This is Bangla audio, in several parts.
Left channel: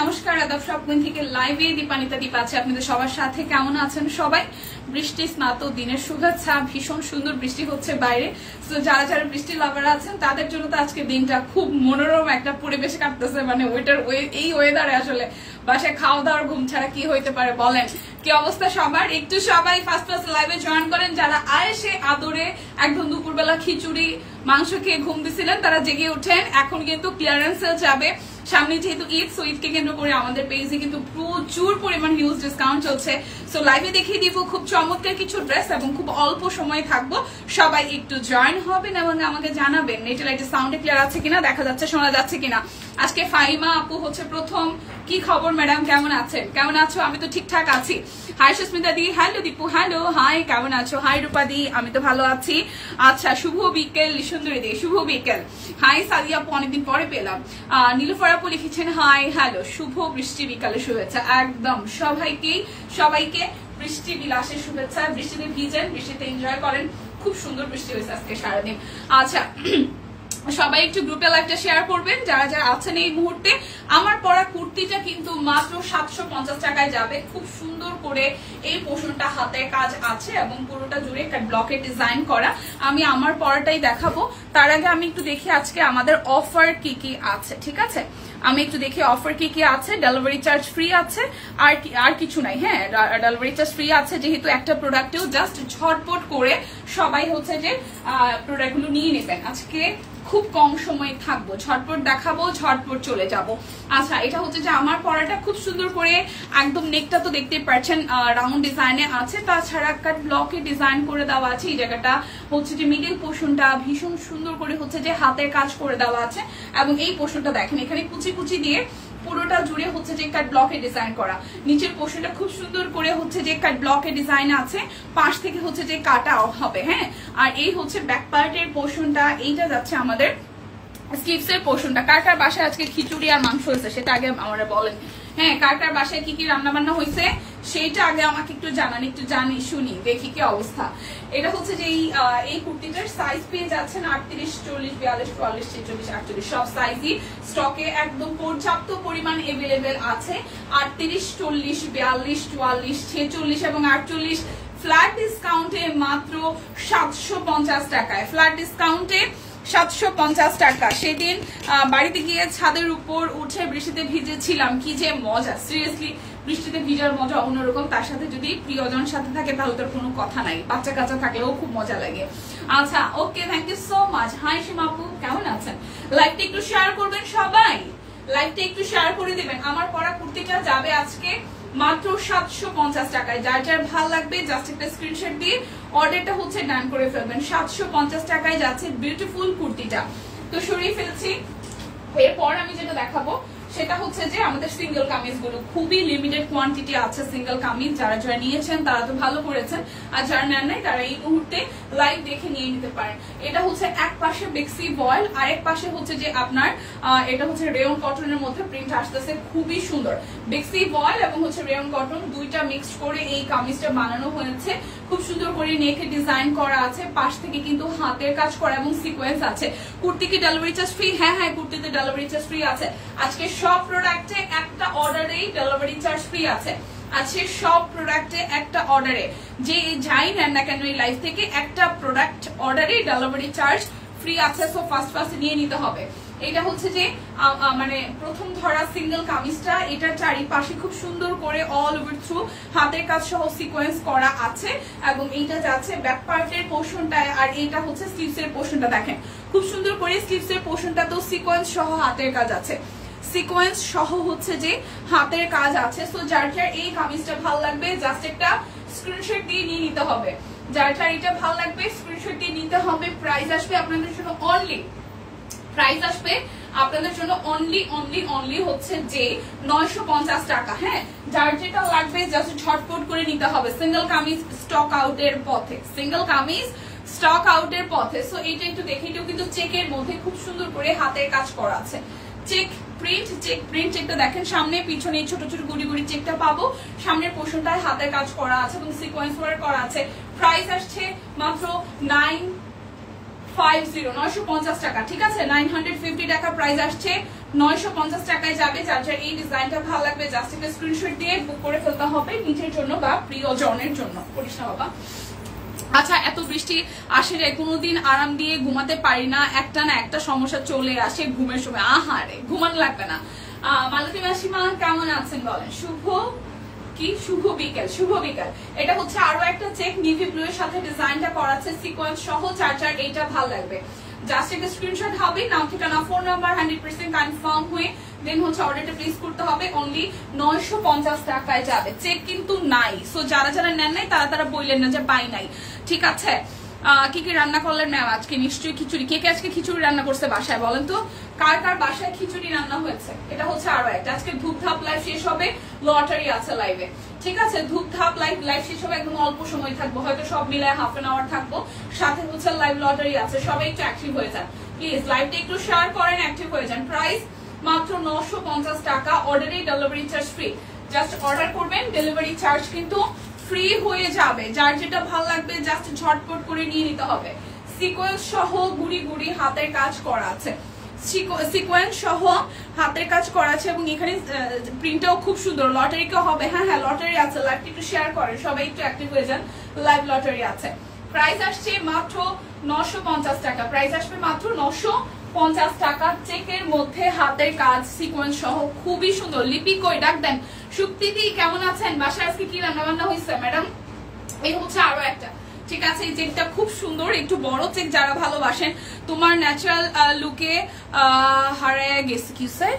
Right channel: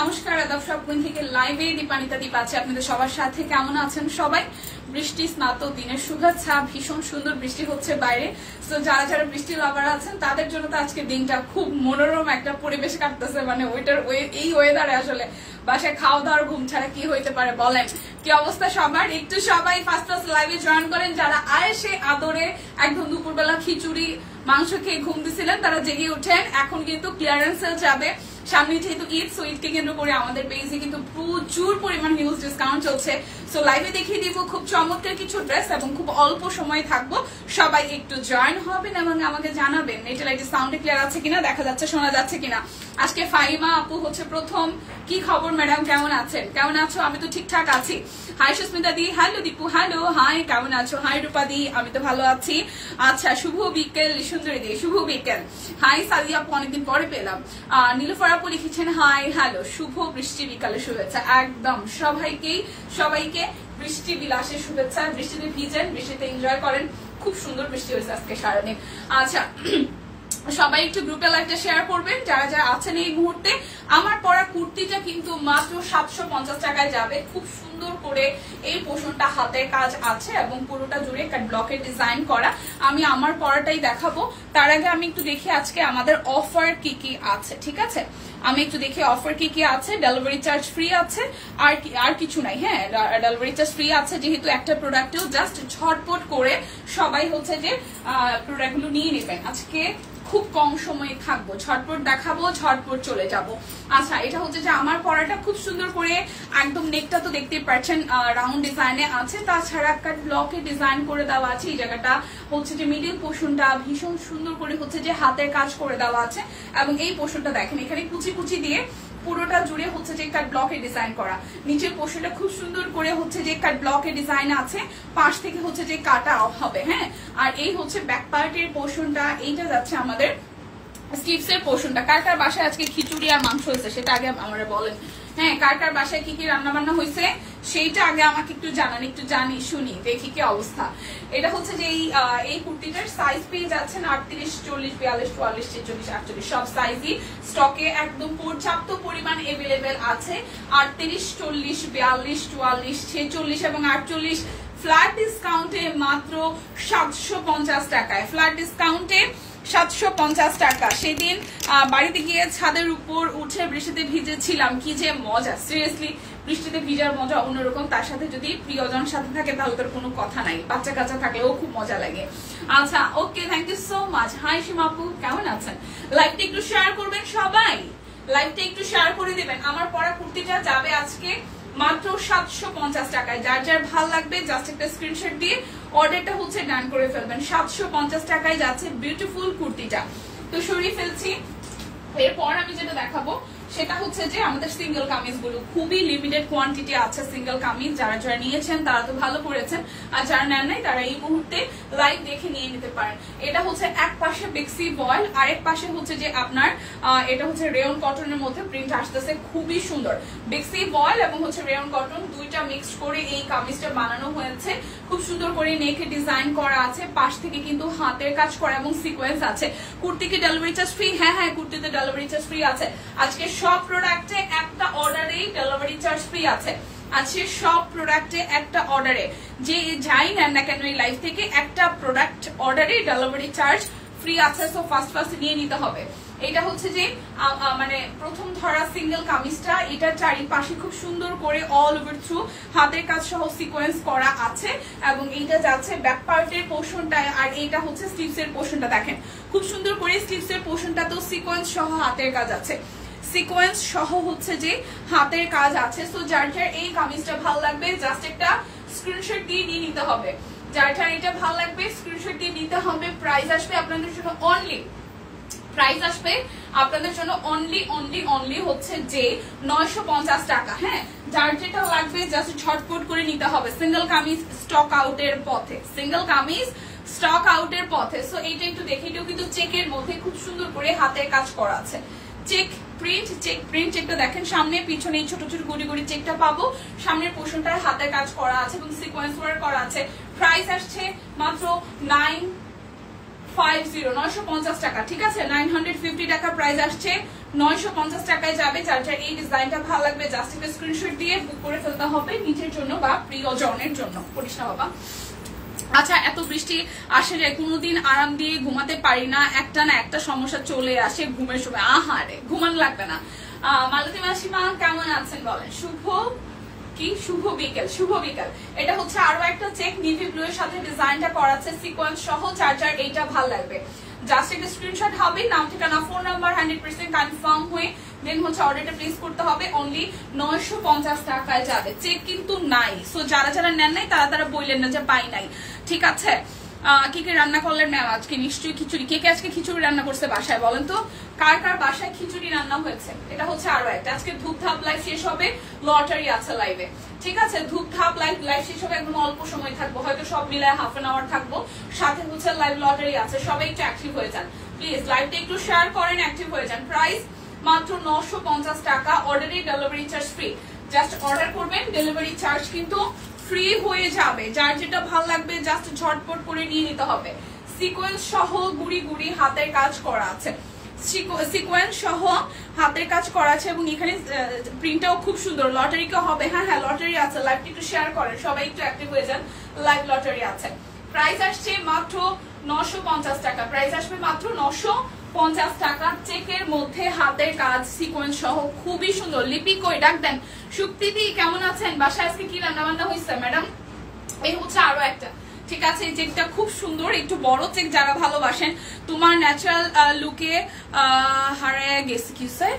নমস্কার আদাব সব কুইন থেকে লাইভে দীপানিতা দীপ আছে আপনাদের সবার সাথে। কেমন আছেন সবাই? বৃষ্টি স্নাত দিনের শুভেচ্ছা। ভীষণ সুন্দর বৃষ্টি হচ্ছে বাইরে। তো যারা যারা বৃষ্টি লাভার আছেন তাদের জন্য তো আজকে দিনটা খুব মনোরম একটা পরিবেশে কাটতেছে। মানে এই ওয়েদারে আসলে বাসায় খাওয়া দাওয়ার ঘুম ছাড়া কি হইতে পারে বলেন? কি অবস্থা সবার? একটু সবাই ফার্স্ট লাইভে জয়েন করেন। যারা আয়েসে আদরে একদম দুপুরবেলা খিচুড়ি মাংস খেয়ে ঘুম দিছিলেন তারা জেগে উঠেন। এখন কিন্তু ক্লিয়ারেন্স সেল যাবে, সামনে যেহেতু ঈদ, সো ঈদকে কেন্দ্র করে আমাদের পেজে কিন্তু প্রচুর পরিমাণ হিউজ ডিসকাউন্ট চলছে। সো লাইভে দেখিয়ে দিব খুব চমৎকার কিছু ড্রেস এবং খুব অল্প সময় থাকবো। সবাই একটু জয়েন হবেন এবং আমাকে জানাবেন নেটের লাইটে সাউন্ড ক্লিয়ার আছে কিনা, দেখা যাচ্ছে শোনা যাচ্ছে কিনা। আজকে ফাহিমা আপু হচ্ছে প্রথম। কি খবর ম্যাডাম, কেমন আছেন? কেমন আছো? আমি তো ঠিকঠাক আছি। হাই সুস্মিতা দি, হ্যালো দীপু, হ্যালো, হাই, কেমন আছো? হাই রূপা দি, আমি তো ভালো আছি। আচ্ছা, শুভ বিকেল সুন্দরী দি, শুভ বিকেল। হাই সাদিয়া আপু, অনেকদিন পরে পেলাম। নীলুফার আপু লিখেছেন হাই, হ্যালো, শুভ বৃষ্টি বিকালের শুভেচ্ছা। একদম সবাইকে বৃষ্টি বিলাসের শুভেচ্ছা। বৃষ্টিতে ভিজেন, বৃষ্টিতে এনজয় করেন। খুব সুন্দর বৃষ্টি হয়েছে আজকে সারাদিন। আচ্ছা, সবাই একটু গ্রুপে লাইভটা শেয়ার করবেন যারা যারা আছেন এই মুহূর্তে। আমার পরা কুর্তিটা কিন্তু মাত্র 750 টাকায় যাবে। খুব সুন্দর করে এই পোষণটা হাতের কাজ আছে এবং পুরোটা জুড়ে ব্লকে ডিজাইন করা। আমি আমার পরাটাই দেখাবো। তার আগে আমি একটু দেখি আজকে আমাদের অফার কি কি আছে। ঠিক আছে, আমি একটু দেখি অফার কি কি আছে। ডেলিভারি চার্জ ফ্রি আছে, আর কিছু নাই। হ্যাঁ, ডেলিভারি চার্জ ফ্রি আছে যেহেতু একটা প্রোডাক্টেও জাস্ট ঝটপট করে সবাই হচ্ছে যে প্রোডাক্টগুলো নিয়ে নেবেন। আজকে খুব কম সময়ে থাকবো, ঝটপট দেখাবো, ঝটপট চলে যাব। আচ্ছা, এটা হচ্ছে যে আমার পরাটা খুব সুন্দর করে একদম নেকটা তো দেখতেই পাচ্ছেন রাউন্ড ডিজাইনে আছে। তাছাড়া একটা ব্লকে ডিজাইন করে দেওয়া আছে। এই জায়গাটা হচ্ছে যে মিডিল পোর্শনটা ভীষণ সুন্দর করে হচ্ছে যে হাতের কাজ করে দেওয়া আছে এবং এই পোর্শনটা দেখেন এখানে কুচি কুচি দিয়ে পুরোটা জুড়ে হচ্ছে যে কাট ব্লকে ডিজাইন করা। নিচের পোর্শনটা খুব সুন্দর করে হচ্ছে যে কাট ব্লকে ডিজাইন আছে, পাশ থেকে হচ্ছে যে কাটা হবে। হ্যাঁ, আর এই হচ্ছে ব্যাক পার্টের পোর্শনটা, এইটা যাচ্ছে আমাদের স্লিভসের পোর্শনটা। কার কার বাসায় আজকে খিচুড়ি আর মাংস হয়েছে সেটা আগে আমরা বলেন। হ্যাঁ, কার কার বাসায় কি কি রান্না বান্না হয়েছে সেইটা আগে আমাকে একটু জানান, একটু জানি শুনি, দেখি কি অবস্থা। এটা হচ্ছে যে এই কুর্তিটার সাইজ পেয়ে যাচ্ছেন 38, 40, 42, 44, 46, 48 সব সাইজই স্টকে একদম পর্যাপ্ত পরিমাণ এভেলেবেল আছে। 38, 40, 42, 44, 46 এবং 48 ফ্ল্যাট ডিসকাউন্টে মাত্র 750 টাকায়। ফ্ল্যাট ডিসকাউন্টে 750 টাকা। সেদিন বাড়িতে গিয়ে ছাদের উপর উঠে বৃষ্টিতে ভিজেছিলাম, কি যে মজা। সিরিয়াসলি বৃষ্টিতে ভিজার মজা অন্যরকম। তার সাথে যদি প্রিয়জনের সাথে থাকে তাহলে তোর কোনো কথা নাই, বাচ্চা কাচ্চা থাকলেও খুব মজা লাগে। আচ্ছা, okay, thank you so much. Hi সীমাপু, কেমন আছেন? লাইভটা একটু শেয়ার করবেন সবাই, লাইভটা একটু শেয়ার করে দিবেন। আমার পরা কুর্তিটা যাবে আজকে মাত্র 750 টাকায়। যার যার ভাল লাগবে জাস্ট একটা স্ক্রিনশট দিয়ে অর্ডারটা হচ্ছে ডান করে ফেলবেন। 750 টাকায় যাচ্ছে বিউটিফুল কুর্তিটা। তো সরিয়ে ফেলছি। এরপর আমি যেটা দেখাবো সেটা হচ্ছে যে আমাদের সিঙ্গেল কামিজ গুলো খুবই লিমিটেড কোয়ান্টিটি আছে। সিঙ্গেল কামিজ যারা যারা নিয়েছেন তারা তো ভালো করেছেন, আর যারা নেন নাই তারা এই মুহূর্তে লাইভ দেখে নিয়ে নিতে পারেন। এটা হচ্ছে এক পাশে বেক্সি বয়েল, আরেক পাশে হচ্ছে যে আপনার এটা হচ্ছে রেয়ন কটনের মধ্যে প্রিন্ট আসতেছে, খুবই সুন্দর। বেক্সি বয়েল এবং হচ্ছে রেয়ন কটন দুইটা মিক্সড করে এই কামিজটা বানানো হয়েছে। খুব সুন্দর করে নেকে ডিজাইন করা আছে, পাশ থেকে কিন্তু হাতের কাজ করা এবং সিকোয়েন্স আছে। কুর্তি কি ডেলিভারি চার্জ ফ্রি? হ্যাঁ হ্যাঁ, কুর্তিতে ডেলিভারি চার্জ ফ্রি আছে। আজকে সব প্রোডাক্টে একটা অর্ডারেই ডেলিভারি চার্জ ফ্রি আছে। আজকে সব প্রোডাক্টে একটা অর্ডারে যে যাই নেন না কেন এই লাইফ থেকে একটা প্রোডাক্ট অর্ডারে ডেলিভারি চার্জ ফ্রি আছে। সো ফার্স্ট নিয়ে নিতে হবে। এটা হচ্ছে যে মানে প্রথম ধরা সিঙ্গেল কামিজটা, এটা চারিপাশে খুব সুন্দর করে অল ওভার থ্রু হাতের কাজ সহ সিকোয়েন্স করা আছে এবং এইটা যাচ্ছে ব্যাক পার্টের পোর্শনটায়, আর এইটা হচ্ছে স্লিভসের পোর্শনটা। দেখেন খুব সুন্দর করে স্লিভসের পোর্শনটা তো সিকোয়েন্স সহ হাতের কাজ আছে, সিকোয়েন্স সহ হচ্ছে যে হাতের কাজ আছে। সো যার যার এই কামিজটা ভালো লাগবে জাস্ট একটা স্ক্রিনশট দিয়ে নিয়ে নিতে হবে। যার যার এটা ভালো লাগবে স্ক্রিনশট দিয়ে নিতে হবে। প্রাইস আসবে আপনাদের জন্য অনলি হচ্ছে যে 950 টাকা। হ্যাঁ, যার যেটা লাগবে জাস্ট ঝটপট করে নিতে হবে। সিঙ্গেল কামিজ স্টক আউটের পথে। সো এইটা একটু দেখে, এটাও কিন্তু চেকের মধ্যে খুব সুন্দর করে হাতের কাজ করা আছে। চেক প্রিন্ট একটু দেখেন, সামনে পিছনে ছোট ছোট গুড়ি গুড়ি চেকটা পাবো। সামনের পোর্শনটায় হাতের কাজ করা আছে এবং সিকোয়েন্স ওয়ার্ক করা আছে। প্রাইস আসছে মাত্র 950 টাকা, ঠিক আছে 950 টাকা প্রাইস আসছে, 950 টাকায় যাবে। যার যার এই ডিজাইনটা ভালো লাগবে জাস্ট একটা স্ক্রিনশট দিয়ে বুক করে ফেলতে হবে নিজের জন্য বা প্রিয়জনের জন্য। করিস না বাবা। আচ্ছা, এত বৃষ্টি আসে যায়, কোনোদিন আরাম দিয়ে ঘুমাতে পারি না, একটা না একটা সমস্যা চলে আসে ঘুমের সময়। আহারে, ঘুমানো লাগবে না। মালতী মাসিমা কেমন আছেন বলেন? শুভ বিকেল, শুভ বিকেল। এটা হচ্ছে আরো একটা চেক নেভি ব্লু এর সাথে ডিজাইনটা করা আছে সিকোয়েন্স সহ। যার যার এইটা ভালো লাগবে জাস্ট একটা স্ক্রিনশট হবে, নাম ঠিকানা ফোন নাম্বার 100% কনফার্ম হয়ে দেন হচ্ছে অর্ডারটা প্লেস করতে হবে। অনলি 950 টাকায় যাবে, চেক কিন্তু নাই। সো যারা যারা নেন নাই তারা বললেন না যে পাই নাই, ঠিক আছে। কি কি রান্না করলেন ম্যাম আজকে? নিশ্চয়ই খিচুড়ি। কে কে আজকে খিচুড়ি রান্না করছে বাসায় বলেন তো? কার কার বাসায় খিচুড়ি রান্না হয়েছে? এটা হচ্ছে আরো একটা। আজকে ধূপধাপ লাইভ শেষ হবে, লটারি আছে লাইভে, ঠিক আছে। ধূপধাপ লাইভ শেষ হবে, একদম অল্প সময় থাকবো, হয়তো সব মিলায় হাফ এন আওয়ার থাকবো, সাথে হচ্ছে লাইভ লটারি আছে। সবাই একটু অ্যাক্টিভ হয়ে যান প্লিজ, লাইভটা একটু শেয়ার করেন, অ্যাক্টিভ হয়ে যান। প্রাইস মাত্র 950 টাকা, অর্ডারে delivery charge free. Just order করবেন, ডেলিভারি চার্জ কিন্তু ফ্রি হয়ে যাবে। যার যেটা ভালো লাগবে জাস্ট ঝটপট করে নিয়ে নিতে হবে। সিকোয়েন্স সহ গুড়ি গুড়ি হাতের কাজ করা আছে, সিকোয়েন্স সহ হাতের কাজ করা আছে এবং এখানে প্রিন্টটাও খুব সুন্দর। লটারি কে হবে? হ্যাঁ হ্যাঁ লটারি আছে, লাইভটা একটু শেয়ার করেন, সবাই একটু অ্যাক্টিভ হয়ে যান। লাইভ লটারি আছে। প্রাইস আসছে মাত্র 950 টাকা, প্রাইস আসবে মাত্র 950 টাকা। চেকের মধ্যে হাতের কাজ সিকোয়েন্স সহ, খুবই সুন্দর। লিপি কই ডাক দেন। সুপ্রীতি কেমন আছেন? বাসায় আজকে কি রান্না বান্না হয়েছে ম্যাডাম? এই হচ্ছে আরো একটা, ঠিক আছে। এই চেকটা খুব সুন্দর, একটু বড় চেক, যারা ভালোবাসেন। তোমার ন্যাচারাল লুকে হারায় গেছে, কি স্যার?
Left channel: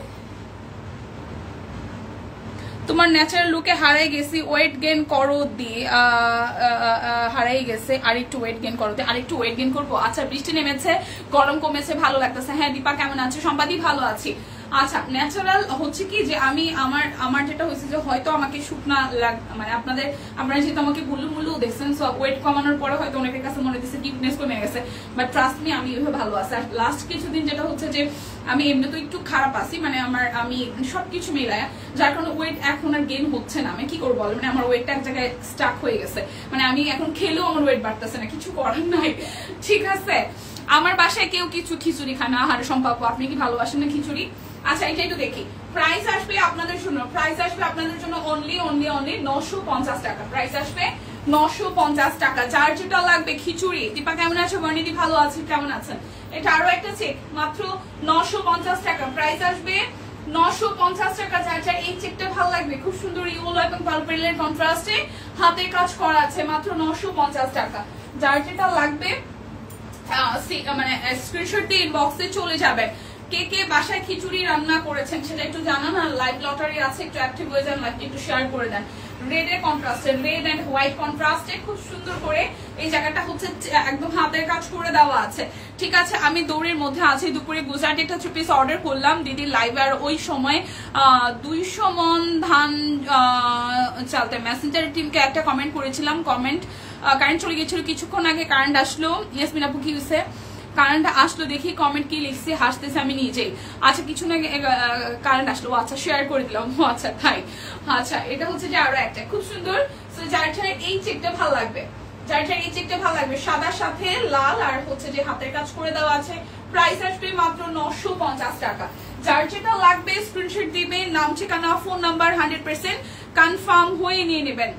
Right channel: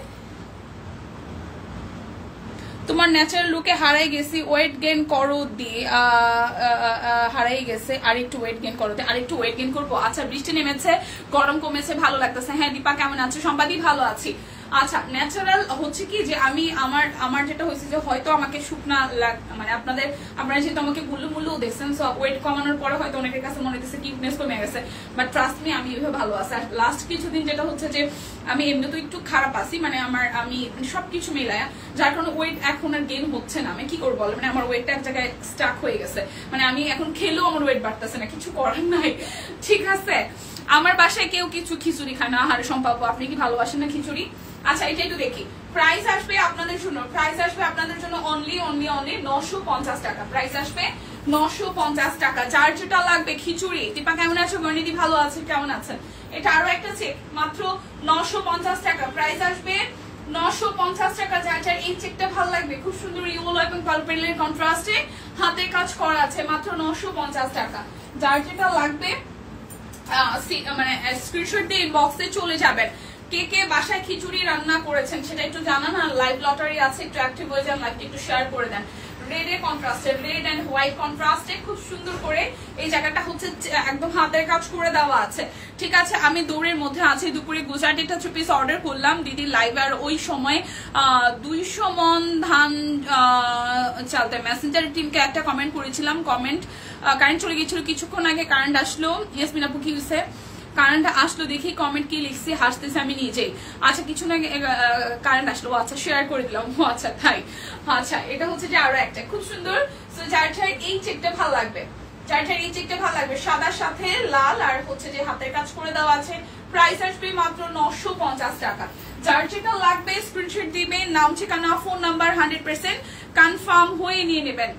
তোমার ন্যাচারাল লুকে হারাই গেছি, ওয়েট গেইন করো দিয়ে হারাই গেছে, আরেকটু ওয়েট গেইন করো দিয়ে, আরেকটু ওয়েট গেইন করবো। আচ্ছা, বৃষ্টি নেমেছে, গরম কমেছে, ভালো লাগতেছে। হ্যাঁ দীপা কেমন আছে? সম্পাদি ভালো আছি। আচ্ছা, ন্যাচারাল হচ্ছে কি যে আমি আমার যেটা হয়েছে যে হয়তো আমাকে শুকনা মানে আপনারা যেহেতু আমাকে গুল্লু দেখছেন, সো ওয়েট কমানোর পরে হয়তো অনেকের কাছে মনে হচ্ছে টিপনেস কমে গেছে, বাট ট্রাস্ট মি আমি এভাবে ভালো আছি। আর লাস্ট কিছুদিন যেটা হচ্ছে যে আমি এমনি তো একটু খারাপ আছি, মানে আমি সবকিছু মিলায়, যার কারণে ওয়েট এখন আর গেইন হচ্ছে না। আমি কি করবো বল, মানে আমার ওয়েটটা এক জায়গায় স্টাক হয়ে গেছে, মানে আমি এখন খেলেও আমার ওয়েট বাড়তেছে না, কিছু করার নাই, ঠিক আছে। আমার বাসায় কেউ কিছু খিচুড়ি খায় না। আহারে সম্পর্ক, আপনি কি ভালোবাসেন না খিচুড়ি? আচ্ছা, এটা একটু দেখি। প্রাইস আসবে আপনাদের জন্য, অনলি 950 টাকা। প্রাইস আসবে 950 টাকা। যার যেটা লাগবে খিচুড়ি। দীপা কেমন আছো? বর্ণিদি ভালো আছে, কেমন আছেন? এটা আরো একটা চেক, মাত্র 950 টাকা। প্রাইস আসবে 950 টাকা। যার যার এই চেকটা ভালো লাগবে, খুব সুন্দর ইয়েলো এবং পার্পেলের কন্ট্রাস্টে হাতে কাজ করা আছে, মাত্র 950 টাকা। যার যেটা লাগবে মানে স্ক্রিনশট দিয়ে ইনবক্সে চলে যাবেন। কে কে বাসায় খিচুড়ি রান্না করেছেন সেটা একটু জানান। আর লাইভ লটারি আছে, একটু অ্যাক্টিভ হয়ে যান, লাইভটা একটু শেয়ার করে দেন। রেড এর কন্ট্রাস্টে, রেড এন্ড হোয়াইট কন্ট্রাস্টে খুব সুন্দর করে এই জায়গাটা হচ্ছে একদম হাতের কাজ করে দেওয়া আছে, ঠিক আছে। আমি দৌড়ের মধ্যে আছি, দুপুরে গুজরাটি 2 পিস অর্ডার করলাম দিদি লাইভ, আর ওই সময় 200 মন ধান চালতে। মেসেঞ্জার টিমকে একটা কমেন্ট করেছিলাম, কমেন্ট কারেন্ট চলে গেছিল কিছুক্ষণ আগে, কারেন্ট আসলো। ইয়াসমিন আপু কি হয়েছে? কারেন্ট আসলো, দেখি কমেন্ট কি লিখছি, হাসতেছে আমি নিজেই। আচ্ছা, কিছু না কারেন্ট আসলো, আচ্ছা শেয়ার করে দিলাম। আচ্ছা তাই, আচ্ছা এটা হচ্ছে যে আরো একটা খুব সুন্দর। যার এই চেকটা ভালো লাগবে, সাদার সাথে লাল আর হচ্ছে যে হাতের কাজ করে দেওয়া আছে। প্রাইস আসবে মাত্র 950 টাকা। যার যেটা লাগবে স্ক্রিনশট দিবেন, নাম ঠিকানা ফোন নাম্বার 100% কনফার্ম হয়ে নিয়ে নেবেন।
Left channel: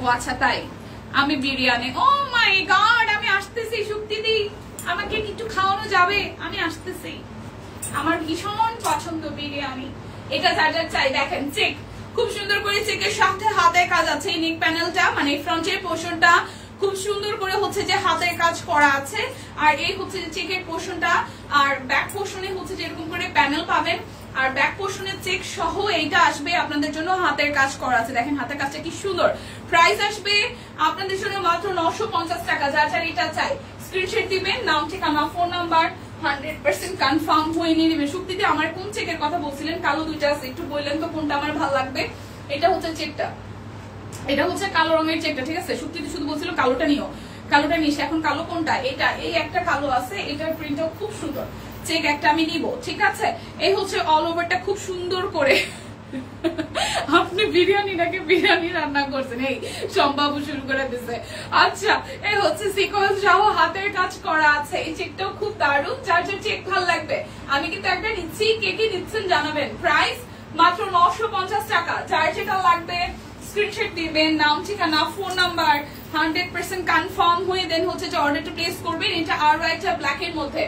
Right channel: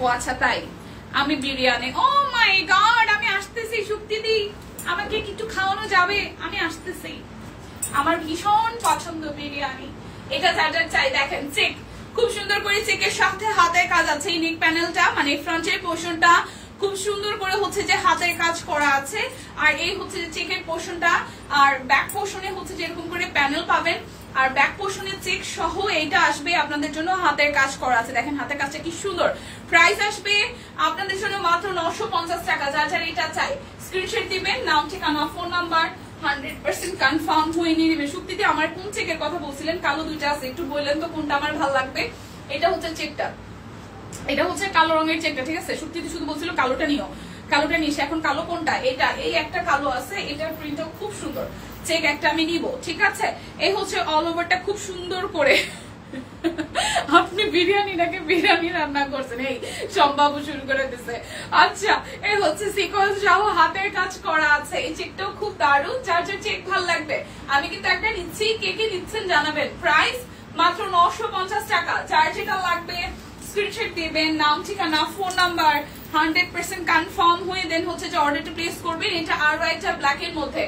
ও আচ্ছা তাই, আমি বিরিয়ানি, ও মাই গড, আমি আসতেছি। সুপ্তিদি আমাকে একটু খাওয়ানো যাবে? আমি আসতেছি, আমার ভীষণ পছন্দ বিরিয়ানি। এটা যার যার চাই দেখেন, চেক খুব সুন্দর করে, চেকের সাথে হাতের কাজ আছে। এই নেক প্যানেলটা মানে ফ্রন্টের পোর্শনটা খুব সুন্দর করে হচ্ছে যে হাতের কাজ করা আছে, আর এই হচ্ছে যে চেকের পোর্শনটা, আর ব্যাক পোর্শনে হচ্ছে যে এরকম করে প্যানেল পাবেন, আর ব্যাক পোর্শনের চেক সহ এইটা আসবে আপনাদের জন্য হাতের কাজ করা আছে। দেখেন হাতের কাজটা কি সুন্দর। প্রাইস আসবে আপনাদের জন্য মাত্র 950 টাকা। যার যার এটা চাই স্ক্রিনশট দিবেন, নাম ঠিকানা ফোন নাম্বার 100% কনফার্ম হয়ে নিয়ে নেবে। সুপ্তিদি আমার কোন চেকের কথা বলছিলেন? কালো দুইটা আছে, একটু বললেন তো কোনটা আমার ভালো লাগবে। এটা হচ্ছে চেকটা, এটা হচ্ছে কালো রঙের চেকটা, ঠিক আছে। সুপ্তিদি শুধু বলছিল কালোটা নিও, কালোটা নিস। এখন কালো কোনটা? এটা, এই একটা কালো আছে, এটার প্রিন্টটাও খুব সুন্দর। চেক একটা আমি নিব, ঠিক আছে। এই হচ্ছে অল ওভারটা খুব সুন্দর করে আপনি বিরিয়ানি নাকি বিরিয়ানি রান্না করছেন, এই সব বাবু শুরু করে দিছে। আচ্ছা, এই হচ্ছে সিকোয়েন্স সহ হাতের কাজ করা আছে। এই চেকটাও খুব দারুণ, যার যার চেক ভালো লাগবে আমি কিন্তু একটা নিচ্ছি, কে কে নিচ্ছেন জানাবেন। প্রাইস মাত্র 950 টাকা। যার যেটা লাগবে স্ক্রিনশট দিবেন, নাম ঠিকানা ফোন নাম্বার 100% কনফার্ম হয়ে দেন হচ্ছে যে অর্ডারটা প্লেস করবেন। এটা আরো একটা ব্ল্যাক এর মধ্যে।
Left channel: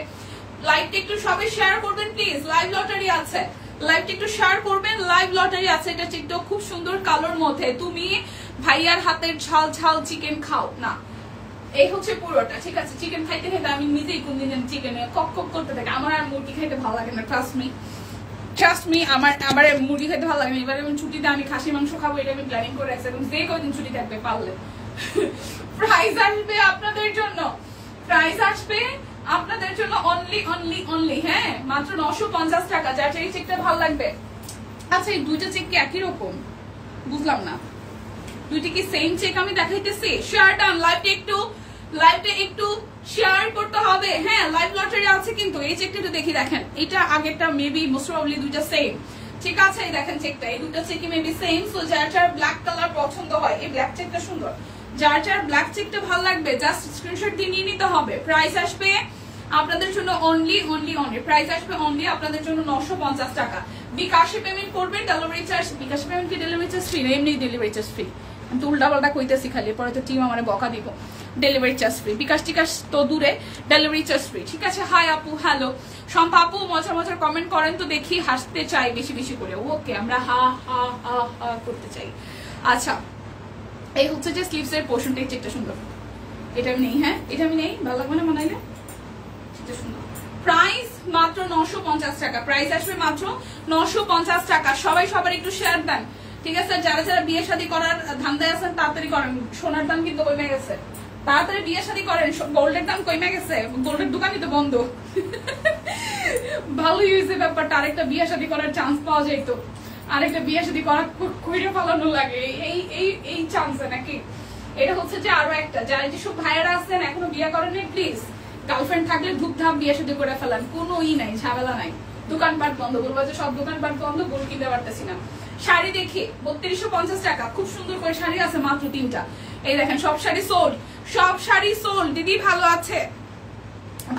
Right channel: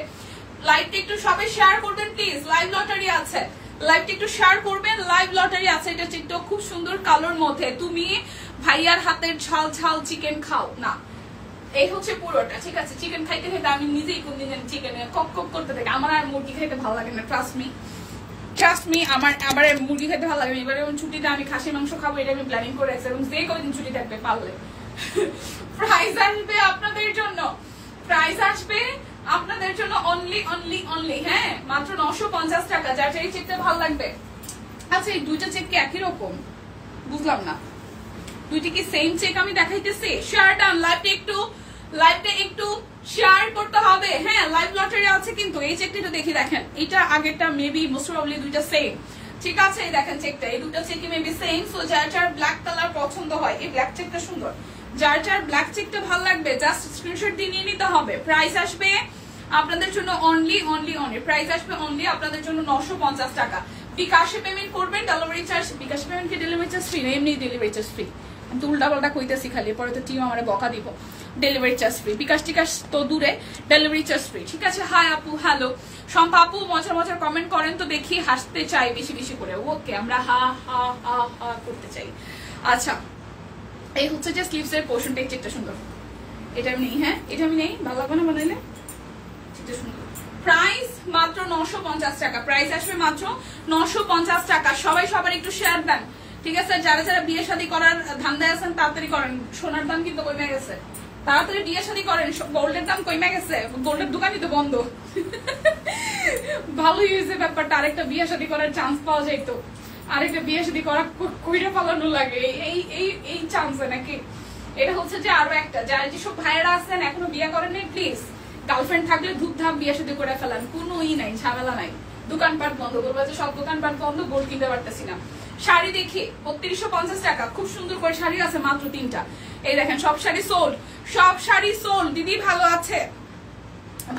লাইভটা একটু সবাই শেয়ার করবেন প্লিজ, লাইভ লটারি আছে, লাইভটা একটু শেয়ার করবেন, লাইভ লটারি আছে। এটা চেকটা খুব সুন্দর কালোর মধ্যে। তুমি ভাইয়ার হাতের ঝাল ঝাল চিকেন খাও না, এই হচ্ছে পুরোটা। ঠিক আছে, চিকেন খাইতে খাইতে আমি নিজেই কোন দিন চিকেনে কক কক করতে থাকি। আমার আর মুরগি খাইতে ভালো লাগে না, ট্রাস্ট মি, আমার মুরগি খেতে ভালো লাগে। এবার যেমন ছুটিতে আমি খাসি মাংস খাবো, এটা আমি প্ল্যানিং করে রাখছি, এবং যে কয়দিন ছুটি থাকবে পারলে। প্রাইস আসবে আপনাদের জন্য, প্রাইস আসবে আপনাদের জন্য অনলি হ্যাঁ মাত্র 950 টাকা। যার এই চেকটা ভালো লাগবে। আচ্ছা, এই দুইটা চেক কি একই রকম? বুঝলাম না, দুইটা কি সেম চেক আমি দেখাইতেছি? শেয়ার ডান, লাইভটা একটু শেয়ার করতে হবে। হ্যাঁ, লাইভ লটারি আছে কিন্তু। এই চেকটা একটু দেখি, দেখেন এটা আগেরটা মেবি মোস্ট প্রবাবলি দুইটা সেম। ঠিক আছে, দেখেন চেকটা, এই দুটো চেকই মেবি সেম। সো যার যার ব্ল্যাক কালার পছন্দ হয়, এই ব্ল্যাক চেকটা সুন্দর, যার যার ব্ল্যাক চেকটা ভালো লাগবে জাস্ট স্ক্রিনশট দিয়ে নিয়ে নিতে হবে। প্রাইস আসবে আপনাদের জন্য অনলি, প্রাইস আসবে অনলি আপনাদের জন্য 950 টাকা। বিকাশে পেমেন্ট করবেন, ডেলিভারি চার্জ, বিকাশে পেমেন্ট কি ডেলিভারি চার্জ ফ্রি? এমনি ডেলিভারি চার্জ ফ্রি। আমি তো উল্টা পাল্টা কইতেছি খালি, পরে তো টিম আমার বকা দিব। ডেলিভারি চার্জ ফ্রি, বিকাশ টিকাশ তো দূরে, ডেলিভারি চার্জ ফ্রি। ঠিক আছে, হাই আপু, হ্যালো শম্পা আপু, মজার কমেন্ট করেন তো দেখি, হাসতে চাই বেশি বেশি করে। ওকে, আমরা হা হা হা হা করতে চাই। আচ্ছা, এই হচ্ছে যে স্লিভস এর পোর্শনটা, এই চেকটা সুন্দর। এটা আমি নেই, হ্যাঁ এটা আমি নেই, ভালো লাগবে না বানাইলে। প্রাইস মাত্র 950 টাকা। প্রাইস আসবে মাত্র 950 টাকা। সবাই সবার একটু শেয়ার দেন। ঠিক আছে, যারা যারা বিয়ে শাদী করার ধান্দায় আছেন তাড়াতাড়ি করেন। সোনার দাম কিন্তু কমে গেছে, তাড়াতাড়ি বিয়ে শাদী করেন। গোল্ডের দাম কমে গেছে, গোল্ডের দোকানই তো বন্ধ। ভালোই হয়েছে ব্যাপারটা, আরেকটা বিয়ে শাদী করার চান্স পাওয়া যাইতো। আরেকটা বিয়ে শাদী করার কইরে পালানো লাগে এই চান্সে নাকি। এটা হচ্ছে যে আরো একটা, যারা যেসব ভাইয়েরা আছেন এখনো বিয়ে করেননি, প্লিজ গার্লফ্রেন্ড থাকলে ধুপধাপ বিয়ে শাদী করে ফেলান, কোনো নাই, ঝামেলা নাই। দোকানপাট বন্ধ, বলবো যে সব দোকানপাট বন্ধ, গোল্ড কিনতে পারতেছি না। শাড়ি দেখি 3250 টাকা, খুব সুন্দর করে শাড়ি আছে মাত্র 3টা। এই দেখেন, সব শাড়ি সোল্ড, সব শাড়ি সোল্ড। দিদি ভালো আছে?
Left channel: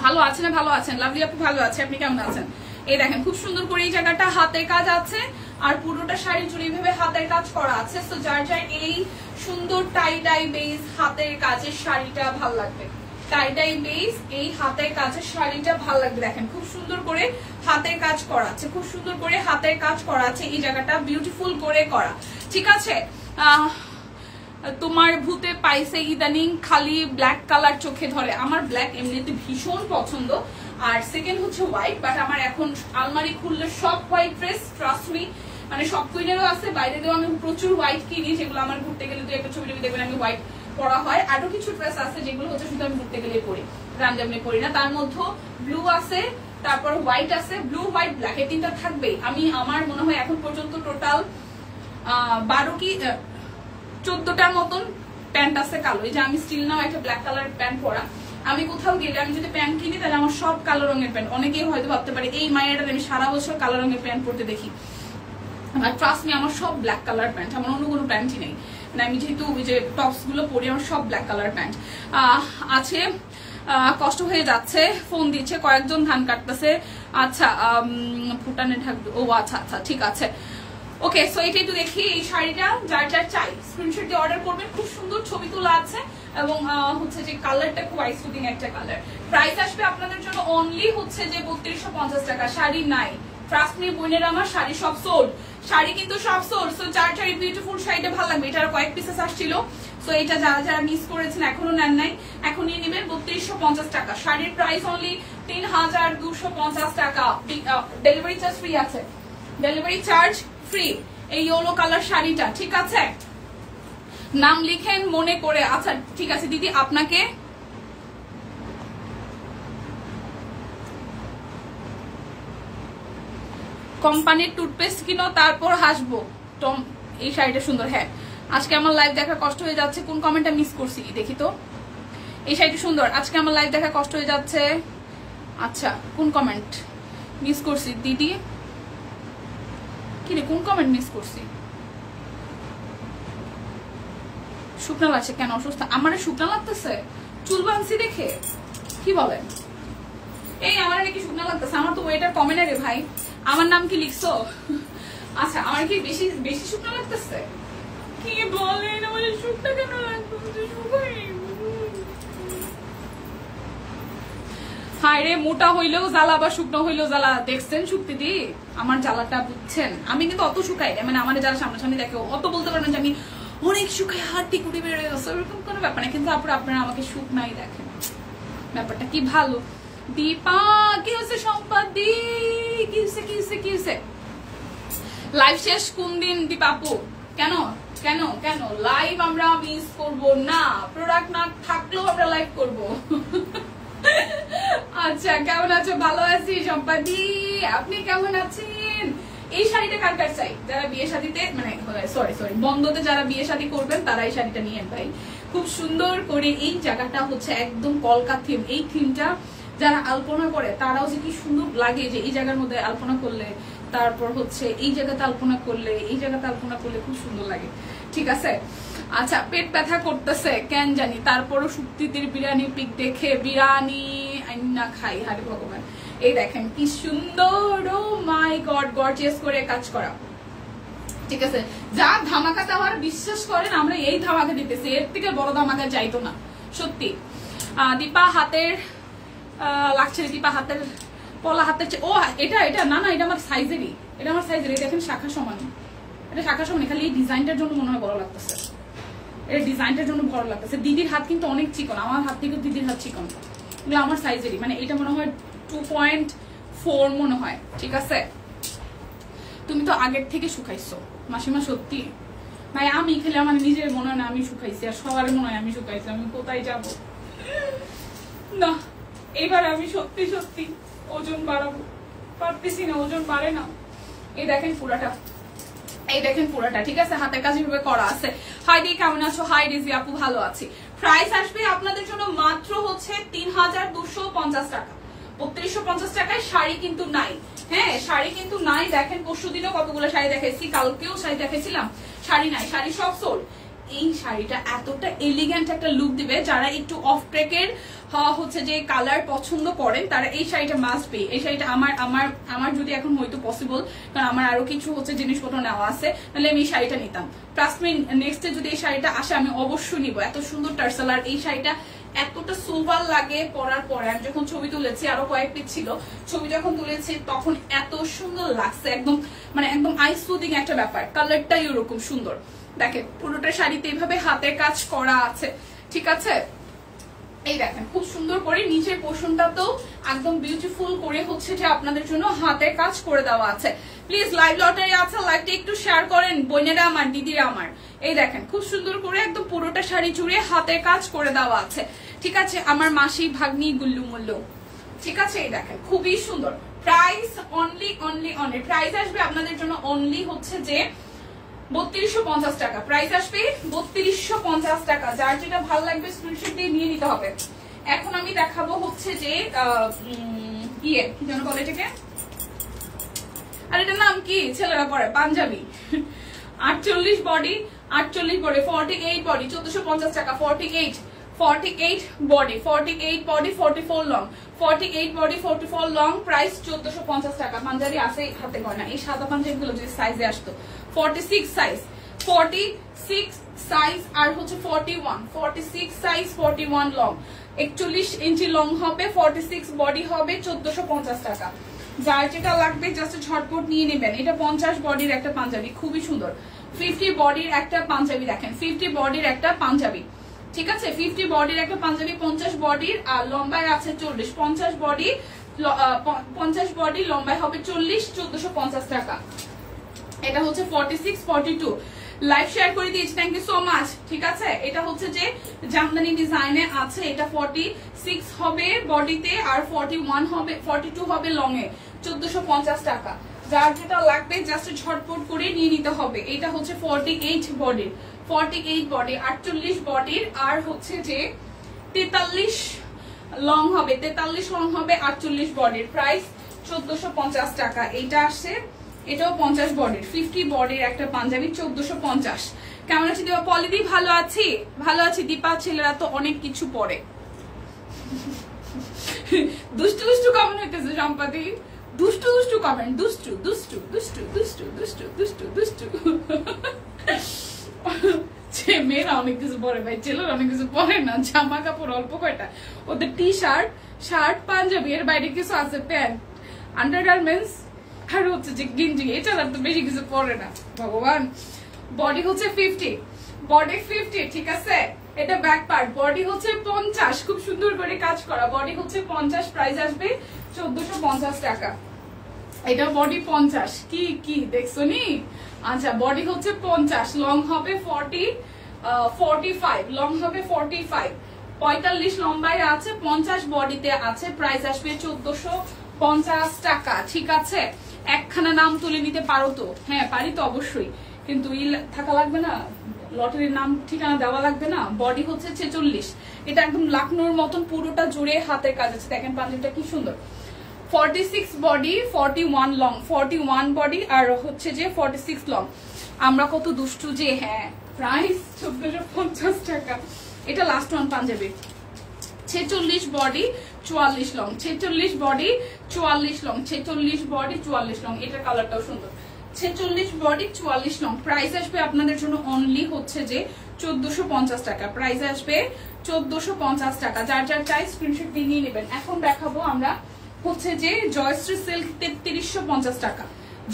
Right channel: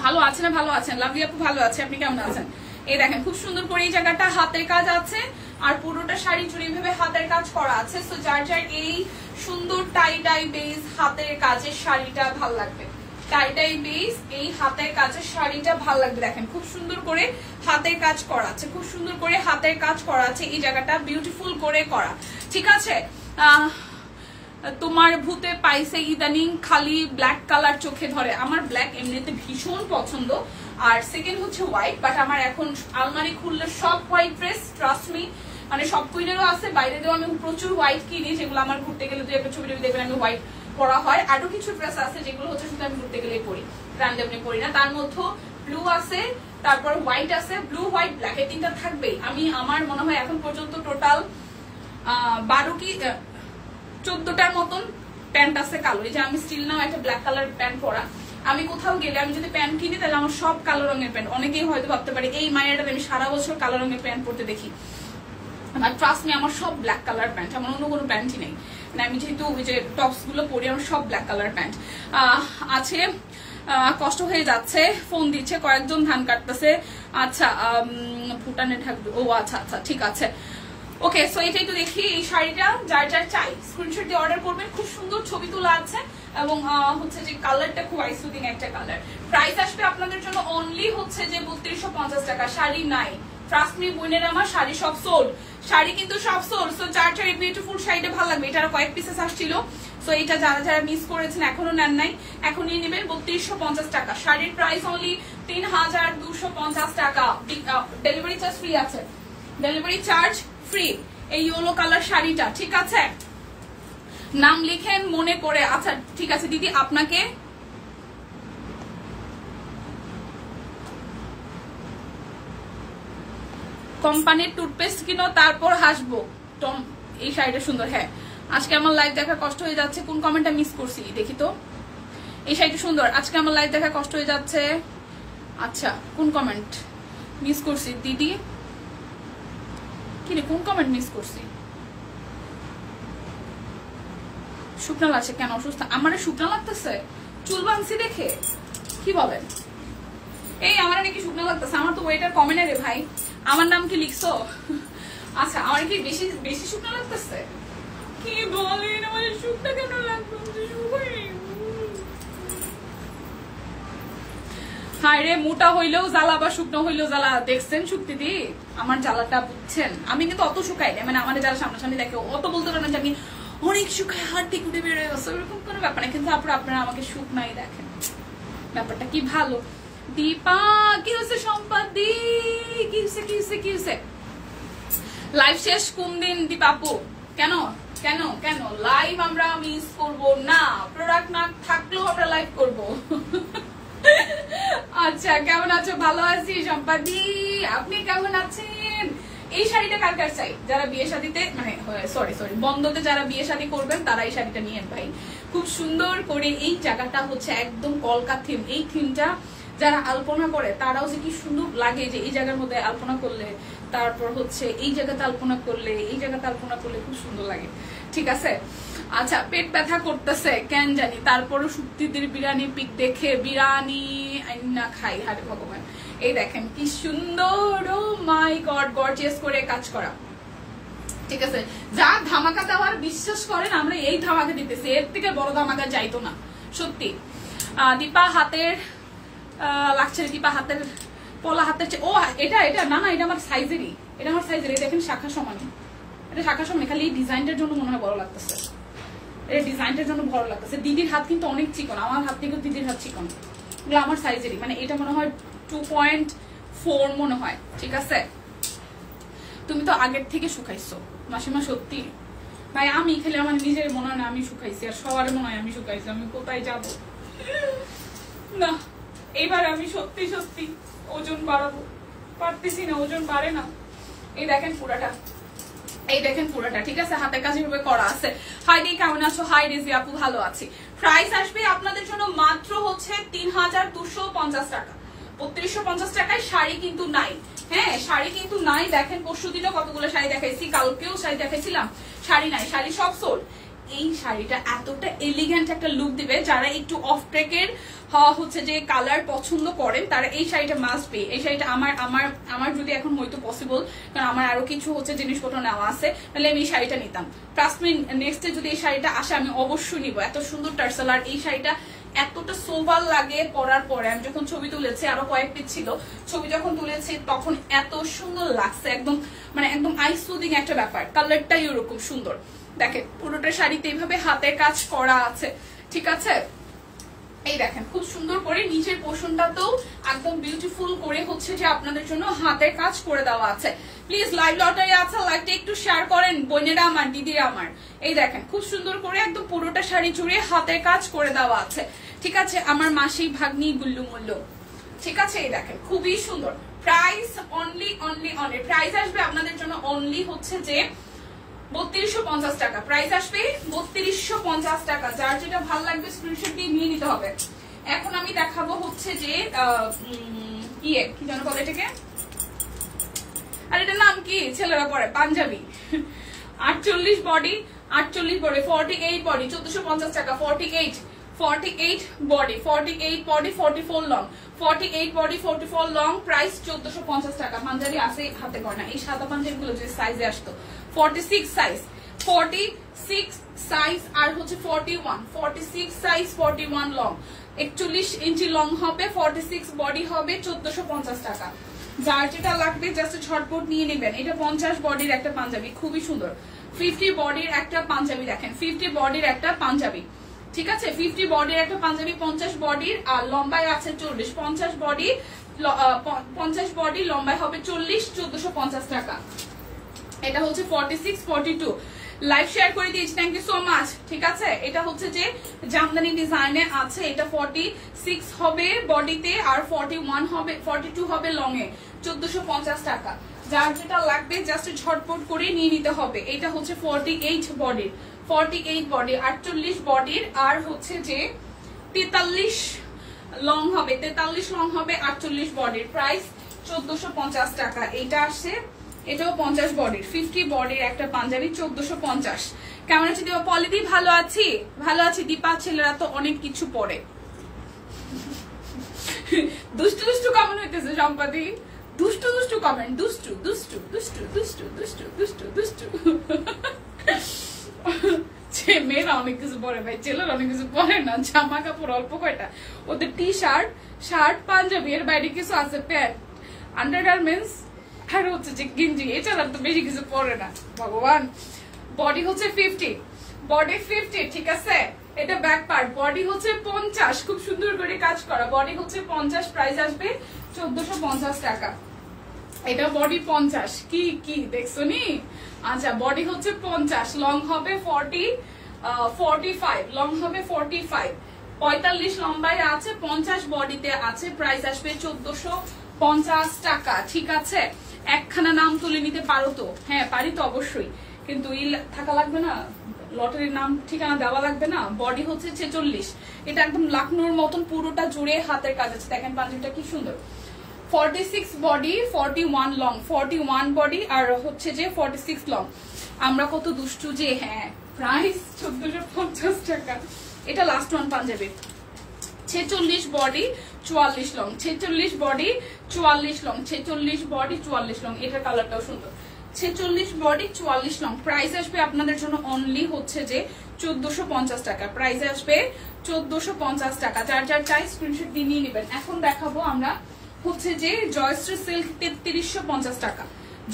ভালো আছে না? ভালো আছেন? লাভলি আপু ভালো আছে, আপনি কেমন আছেন? এই দেখেন, খুব সুন্দর করে এই জায়গাটা হাতের কাজ আছে, আর পুরোটা শাড়ি জুড়ে এইভাবে হাতের কাজ করা আছে। তো যার যার এই সুন্দর টাই ডাই বেস হাতের কাজের শাড়িটা ভালো লাগবে, টাই ডাই বেস এই হাতের কাজের শাড়িটা ভালো লাগবে। দেখেন, খুব সুন্দর করে হাতের কাজ করা আছে, খুব সুন্দর করে হাতের কাজ করা আছে, এই জায়গাটা বিউটিফুল করে করা। ঠিক আছে, তোমার ভূতে পাইছে ইদানিং খালি ব্ল্যাক কালার চোখে ধরে। আমার ব্ল্যাক এমনিতে ভীষণ পছন্দ, আর সেকেন্ড হচ্ছে হোয়াইট, বাট আমার এখন আলমারি খুললে সব হোয়াইট ড্রেস, ট্রাস্ট মি। মানে সব কুইনেরও আছে, বাইরে দিয়েও আমি প্রচুর হোয়াইট কিনি, যেগুলো আমার ঘুরতে গেলে দু একটা ছবি দেখবেন আমি হোয়াইট পরা হয়। আরো কিছু ড্রেস আছে যেগুলো হচ্ছে শুধু আমি ঘুরতে গেলে পরি, রান্ডামলি পরি না। তার মধ্যে ব্লু আছে, তারপর হোয়াইট আছে, ব্লু হোয়াইট ব্ল্যাক, এই তিনটা থাকবেই। আমি আমার মনে হয় এখন পর্যন্ত টোটাল 12 কি 14টার মতন প্যান্ট আছে কালো। এই যে আমি স্টিল নাও একটা ব্ল্যাক কালার প্যান্ট পরা। আমি কোথাও গেলে আমি যদি প্যান্ট কিনি তাহলে আমার সব কালো রঙের প্যান্ট। অনেকেই হয়তো ভাবতে পারে এই মায়েরা আমি সারা বছর কালো রঙের প্যান্ট পরতে দেখি, আমার ট্রাস্ট মি, আমার সব ব্ল্যাক কালার প্যান্ট, আমার অন্য কোনো প্যান্টই নেই। মানে আমি যেহেতু ওই যে টপস গুলো পরি, আমার সব ব্ল্যাক কালার প্যান্ট আছে। কষ্ট হয়ে যাচ্ছে, ফোন দিচ্ছে, কয়েকজন ধান কাটতেছে। আচ্ছা, ভুটানে থাকবে, ও আচ্ছা আচ্ছা, ঠিক আছে, ওকে। সো এটা একটু দেখি, এই শাড়িটা যার যার চাই স্ক্রিনশট দিয়ে অর্ডার করবেন। খুব সুন্দর ছবি তোলা আছে, এবং হচ্ছে যে কালারটা খুব আইস লুকিং একটা কালার। প্রাইস আসবে আপনাদের জন্য অনলি হচ্ছে যে 3250 টাকা। শাড়ি নাই, ট্রাস্ট মি বোনের, আমার শাড়ি সব সোল্ড, শাড়ি কিন্তু সব সোল্ড। সো যার যার বিউটিফুল শাড়িটা ভালো লাগবে, এটার কয়েক পিসেস আসছিল। সো এটা যারা যারা মিস করেছেন এখনো নেন নাই, এখন নিয়ে নেবেন 3250 টাকা। শাড়ির প্রাইস অনলি 3250 টাকা। ডেলিভারি চার্জ ফ্রি আছে, ডেলিভারি চার্জ ফ্রি। এই ইয়েলো কালার শাড়িটা, ঠিক আছে, নাম লিখেন মনে করে। আচ্ছা ঠিক আছে দিদি, আপনাকে কোম্পানির টুথপেস্ট কিনো তারপর হাসবো। এই শাড়িটা সুন্দর। হ্যাঁ, আজকে আমার লাইভ দেখার কষ্ট হয়ে যাচ্ছে, কোন কমেন্টটা মিস করছি দেখি তো। এই শাড়িটা সুন্দর, আজকে আমার লাইভ দেখার কষ্ট হয়ে যাচ্ছে। আচ্ছা, কোন কমেন্ট মিস করছি দিদি? কিনে কোন কমেন্ট মিস করছি? শুকনা লাগছে কেন? অসুস্থ? আমার শুকনা লাগতেছে চুল বাঁধছি দেখে? কি বলেন? এই আমার নাকি শুকনা লাগতেছে? আমার তো ওয়েটার কমে না রে ভাই। আমার নাম কি লিখছো? আচ্ছা, আমার কি বেশি বেশি শুকনা লাগতেছে? কি বলেন, আমার শুকনা কেন লাগতেছে? হায় রে, মোটা হইলেও জ্বালা বা শুকনো হইলেও জ্বালা। দেখছেন শুক্তিদি আমার জ্বালাটা, বুঝছেন? আমি কিন্তু অত শুকাই না, মানে আমার যারা সামনাসামনি দেখে অত বলতে পারেন যে আমি অনেক শুকাই, হাড়টি কুড়ি বেড়ে গেছে, ওরকম কোনো ব্যাপার না। কিন্তু আপনারা আমাকে শুকনাই দেখেন, ব্যাপারটা কি ভালো। দীপা কি হচ্ছে? সম্পাদি কি হচ্ছে? লাইভ শেষ কোন দিন দীপা আপু? কেন কেন কেন লাইভ আমরা মিস করবো না? প্রোডাক্ট না থাকলেও আমরা লাইভ করবো। আচ্ছা, কেমন আছো? ভালো আছি সম্পাদি, আপনি কেমন আছেন? এই শাড়িটা কার কার চাই? যারা বিয়ে শাদীতে, মানে সরি বন্ধতে যারা বিয়ে শাদী করবেন তারা এই শাড়িটা নিয়ে ভাই। খুব সুন্দর করে এই জায়গাটা হচ্ছে একদম কলকা থিম। এই থিমটা যারা আলপনা করে তারাও যে কি সুন্দর লাগে, যে এই জায়গার মধ্যে আলপনা করলে, তারপর হচ্ছে এই জায়গাতে আলপনা করলে, এই জায়গাতে আলপনা করলে খুব সুন্দর লাগে। ঠিক আছে। আচ্ছা, পেট ব্যথা করতেছে কেন জানি, তারপরও শুক্তিদির বিরিয়ানি পিক দেখে বিরিয়ানি আইনা খাই। হারে ভগবান, এই দেখেন কি সুন্দর, ও মাই গড, গর্জিয়াস করে কাজ করা। ঠিক আছে, যা ধামাকা দেওয়ার বিশ্বাস করেন আমরা এই ধামাকা দিতেছি, এর থেকে বড় ধামাকা যাইতো না সত্যি। দীপা হাতের লাগছে, দীপা হাতের পলা হাতের, ও এটা না এটা আমার সাইজেরই, এটা আমার সাইজেরই। দেখেন শাখা সমান, এটা শাখা সমান, খালি এই ডিজাইনটার জন্য মনে হয় বড় লাগতেছে, এটা ডিজাইনটার জন্য বড় লাগতেছে। দিদির হাত কিন্তু অনেক চিকন, আমার হাত থেকে দিদির হাত চিকন, এগুলো আমার সাইজেরই। মানে এটা মনে হয় 2.4 মনে হয়। ঠিক আছে, তুমি তো আগের থেকে শুকাইছো মাসিমা, সত্যি ভাই। আমি খেলে আমার নিজের মনে হয় না আমি শুকাইছি, আর সবার মনে হয় আমি শুকাইছি। আমি কোথায় যাব না, এবার আমি সত্যি ওজন বাড়াবো, পারতেছি না, ওজন বাড়ে না। এই দেখেন পুরাটা, এই দেখেন পুরাটা। ঠিক আছে, হাতের কাজ এভাবে করা আছে। হাই ডে, কেমন আছো? হাই রিজি আপু, ভালো আছি। প্রাইস আসবে আপনাদের জন্য মাত্র হচ্ছে 3250 টাকা। 3250 টাকায় শাড়ি কিন্তু নাই। হ্যাঁ, শাড়ি কিন্তু নাই। দেখেন পরশুদিনও কতগুলো শাড়ি দেখাইছি, কালকেও শাড়ি দেখাইছিলাম, শাড়ি নাই, শাড়ি সব সোল্ড। এই শাড়িটা এতটা এলিগেন্ট একটা লুক দিবে, যারা একটু অফ ট্রেকের হচ্ছে যে কালার পছন্দ করেন তারা এই শাড়িটা মাস্ট বি। এই শাড়িটা আমার যদি এখন হয়তো পসিবল, কারণ আমার আরো কিছু হচ্ছে জিনিসপত্র নেওয়া আছে, তাহলে আমি এই শাড়িটা নিতাম। ট্রাস্ট মি, নেক্সটে যদি এই শাড়িটা আসে আমি অবশ্যই নিব। এত সুন্দর টার্সেল, আর এই শাড়িটা এতটা সোভাল লাগে পরার পরে। আমি যখন ছবি তুলেছি, আরো কয়েক পিস ছিল, ছবি যখন তুলেছি তখন এত সুন্দর লাগছে, একদম মানে একদম আই সুদিং একটা ব্যাপার। কালারটাই ওরকম সুন্দর। দেখেন পুরোটা শাড়িতে এইভাবে হাতের কাজ করা আছে। ঠিক আছে, এই দেখেন খুব সুন্দর করে নিচের পোর্শনটাতেও একদম বিউটিফুল করে হচ্ছে যে আপনাদের জন্য হাতের কাজ করে দেওয়া আছে। প্লিজ লাইভ লটারি আছে, লাইভটা একটু শেয়ার করেন বোনেরা আমার, দিদিরা আমার। এই দেখেন খুব সুন্দর করে একদম পুরোটা শাড়ি জুড়ে হাতের কাজ করে দেওয়া আছে। ঠিক আছে, আমার মাসি ভাগ্নি গুল্লু মুল্লু। ঠিক আছে, এই দেখেন খুবই সুন্দর। প্রাইস অনলি প্রাইস আসবে আপনাদের জন্য অনলি হচ্ছে যে 3250 টাকা। প্রাইস আসবে 3250 টাকা। যার যেটা ভালো লাগবে স্ক্রিনশট দিয়ে নিয়ে নিতে হবে। এখন আমি দেখাবো হচ্ছে যে কি যেন বলে এটাকে, আর এটার নাম কি ছেলেরা পরে, পাঞ্জাবি। 48 বডি 48 বডি 1450 টাকা। 48 body 44 long, 48 body 44 long, price 1450 টাকা। পাঞ্জাবি আছে হাতে গয়না, এই সাদা পাঞ্জাবি গুলো যে সাইজে আসতো 46 সাইজ আর হচ্ছে 46 সাইজ 41 লং, 41 ইঞ্চি লং হবে, 46 বডি হবে, 1450 টাকা। যার যেটা লাগবে জাস্ট ঝটপট নিয়ে নেবেন। এটা 50 বডির একটা পাঞ্জাবি, খুবই সুন্দর। 50 বডির একটা পাঞ্জাবি, দেখেন 50 বডির একটা পাঞ্জাবি। ঠিক আছে, 50 বডির একটা পাঞ্জাবি, 50 বডির, আর লম্বায় আছে 40। 50 বডি লম্বায় হবে 40, 1450 টাকা। এটা হচ্ছে 46 42। লাইভ শেয়ার করে দিয়েছি, থ্যাংক ইউ সো মাচ। ঠিক আছে, এটা হচ্ছে যে জামদানি ডিজাইনে আছে। এটা 46 হবে বডিতে, আর 41 হবে, 42 হবে লং এ, 1450 টাকা। যার যেটা লাগবে জাস্ট ঝটপট করে নিয়ে নিতে হবে। এটা হচ্ছে 48 বডির, 48 বডির, আর হচ্ছে যে 43 লং হবে, 43 লং হবে, 48 বডির। প্রাইস 1450 টাকা। এইটা আসে এটাও 50 বডির 50 বডির একটা পাঞ্জাবি 1450। কেমন আছি দীপা? পলিদি ভালো আছি, ভালো আছি দীপা। ছেলেরা তো অনেক কিছু পরে। দুষ্টু দুষ্টু কমেন্ট হইতেছে সম্পাদি, দুষ্টু দুষ্টু কমেন্ট, দুষ্টু দুষ্টু দুষ্টু দুষ্টু দুষ্টু দুষ্টু দুষ্টু। মেয়েরা অনেক কিছু পরে ভাই, ছেলেরা অনেক কিছু পরে না। জামা কাপড় অল্প কয়টা, ওদের টি শার্ট, শার্ট, পাঞ্জাবি, এর বাইরে কিছু আছে, প্যান্ট, আন্ডারগার্মেন্টস আর হচ্ছে যে গেঞ্জি, এছাড়া তো বেশি কিছু পরে না ভগবান। বডি হচ্ছে 50, বডি 50, ঠিক আছে। এটা ব্যাক পার্ট, বডি হচ্ছে 50, খুব সুন্দর করে কাজ করা, বডি হচ্ছে 50, প্রাইস আসবে 1450 টাকা। এটা বডি 50, কি কি দেখছো নি? আচ্ছা, বডি হচ্ছে 50, লং হবে 45, লং হবে 45, 45 লম্বায় আছে, 50 বডিতে আছে, প্রাইস আসবে 1450 টাকা, ঠিক আছে। একখানা নাম তুলে নিতে পারো তো? হ্যাঁ পারি তো অবশ্যই, কিন্তু থাকা লাগবে না, লটারির নাম ঠিকানা দেওয়া লাগবে না। বডি হচ্ছে 46, এটা একদম লাকনোর মতন পুরোটা জুড়ে হাতের কাজ আছে। দেখেন পাঞ্জাবিটা কি সুন্দর। 46 বডি, 41 লং, 41 বডি আর হচ্ছে যে 46 লং। আমরা কত দুষ্টু যে, হ্যাঁ প্রাইস 1450 টাকা। এটা last one Punjabi, 46 body 44 long, 46 body 44 long, 46 body 44 long. এটার কালারটাও সুন্দর। 46 বডি 44 লং, প্রাইস আসবে আপনাদের জন্য অনলি হচ্ছে যে 1450 টাকা, প্রাইস আসবে 1450 টাকা। যার যার চাই স্ক্রিনশট দিয়ে নিয়ে নেবেন। এখন দেখাবো আমরা হচ্ছে যে জয়শ্রী সিল্ক 3350 টাকা,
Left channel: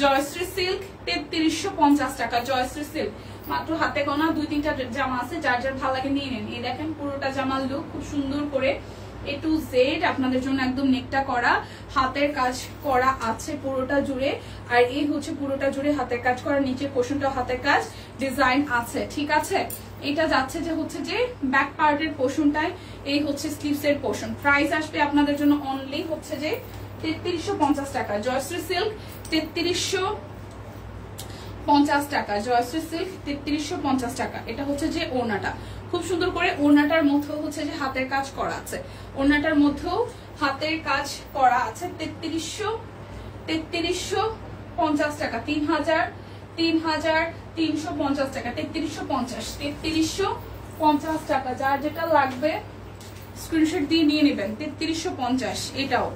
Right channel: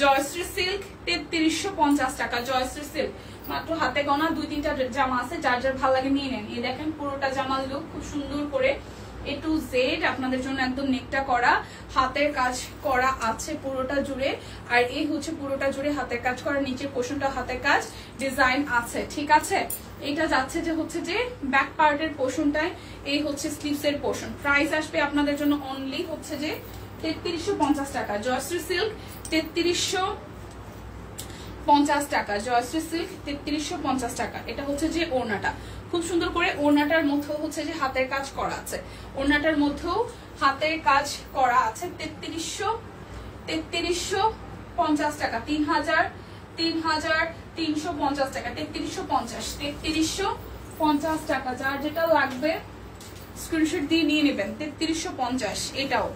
জয়শ্রী সিল্ক 3350 টাকা, জয়শ্রী সিল্ক। মাত্র হাতে গোনা 2-3টা জামা আছে, যার যার ভালো লাগে নিয়ে নেন। এই দেখেন পুরোটা জামার লুক খুব সুন্দর করে A to Z আপনাদের জন্য একদম নেকটা করা, হাতের কাজ করা আছে পুরোটা জুড়ে। আর এই হচ্ছে পুরোটা জুড়ে হাতের কাজ করা, নিচে পোর্শনটা হাতের কাজ ডিজাইন আছে, ঠিক আছে। এটা যাচ্ছে যে হচ্ছে যে ব্যাক পার্টের পোর্শনটায়, এই হচ্ছে স্লিভস এর পোর্শন। প্রাইস আসবে আপনাদের জন্য অনলি হচ্ছে যে 3350 টাকা, জয়শ্রী সিল্ক 3350 টাকা, জয়শ্রী সিল্ক 3350 টাকা। এটা হচ্ছে যে ওড়নাটা খুব সুন্দর করে, ওড়নাটার মধ্যেও হচ্ছে যে হাতের কাজ করা আছে, ওড়নাটার মধ্যেও হাতের কাজ করা আছে। 3350 টাকা, 3350 টাকা, 3350 টাকা। যার যেটা লাগবে স্ক্রিনশট দিয়ে নিয়ে নেবেন। 3350, এটাও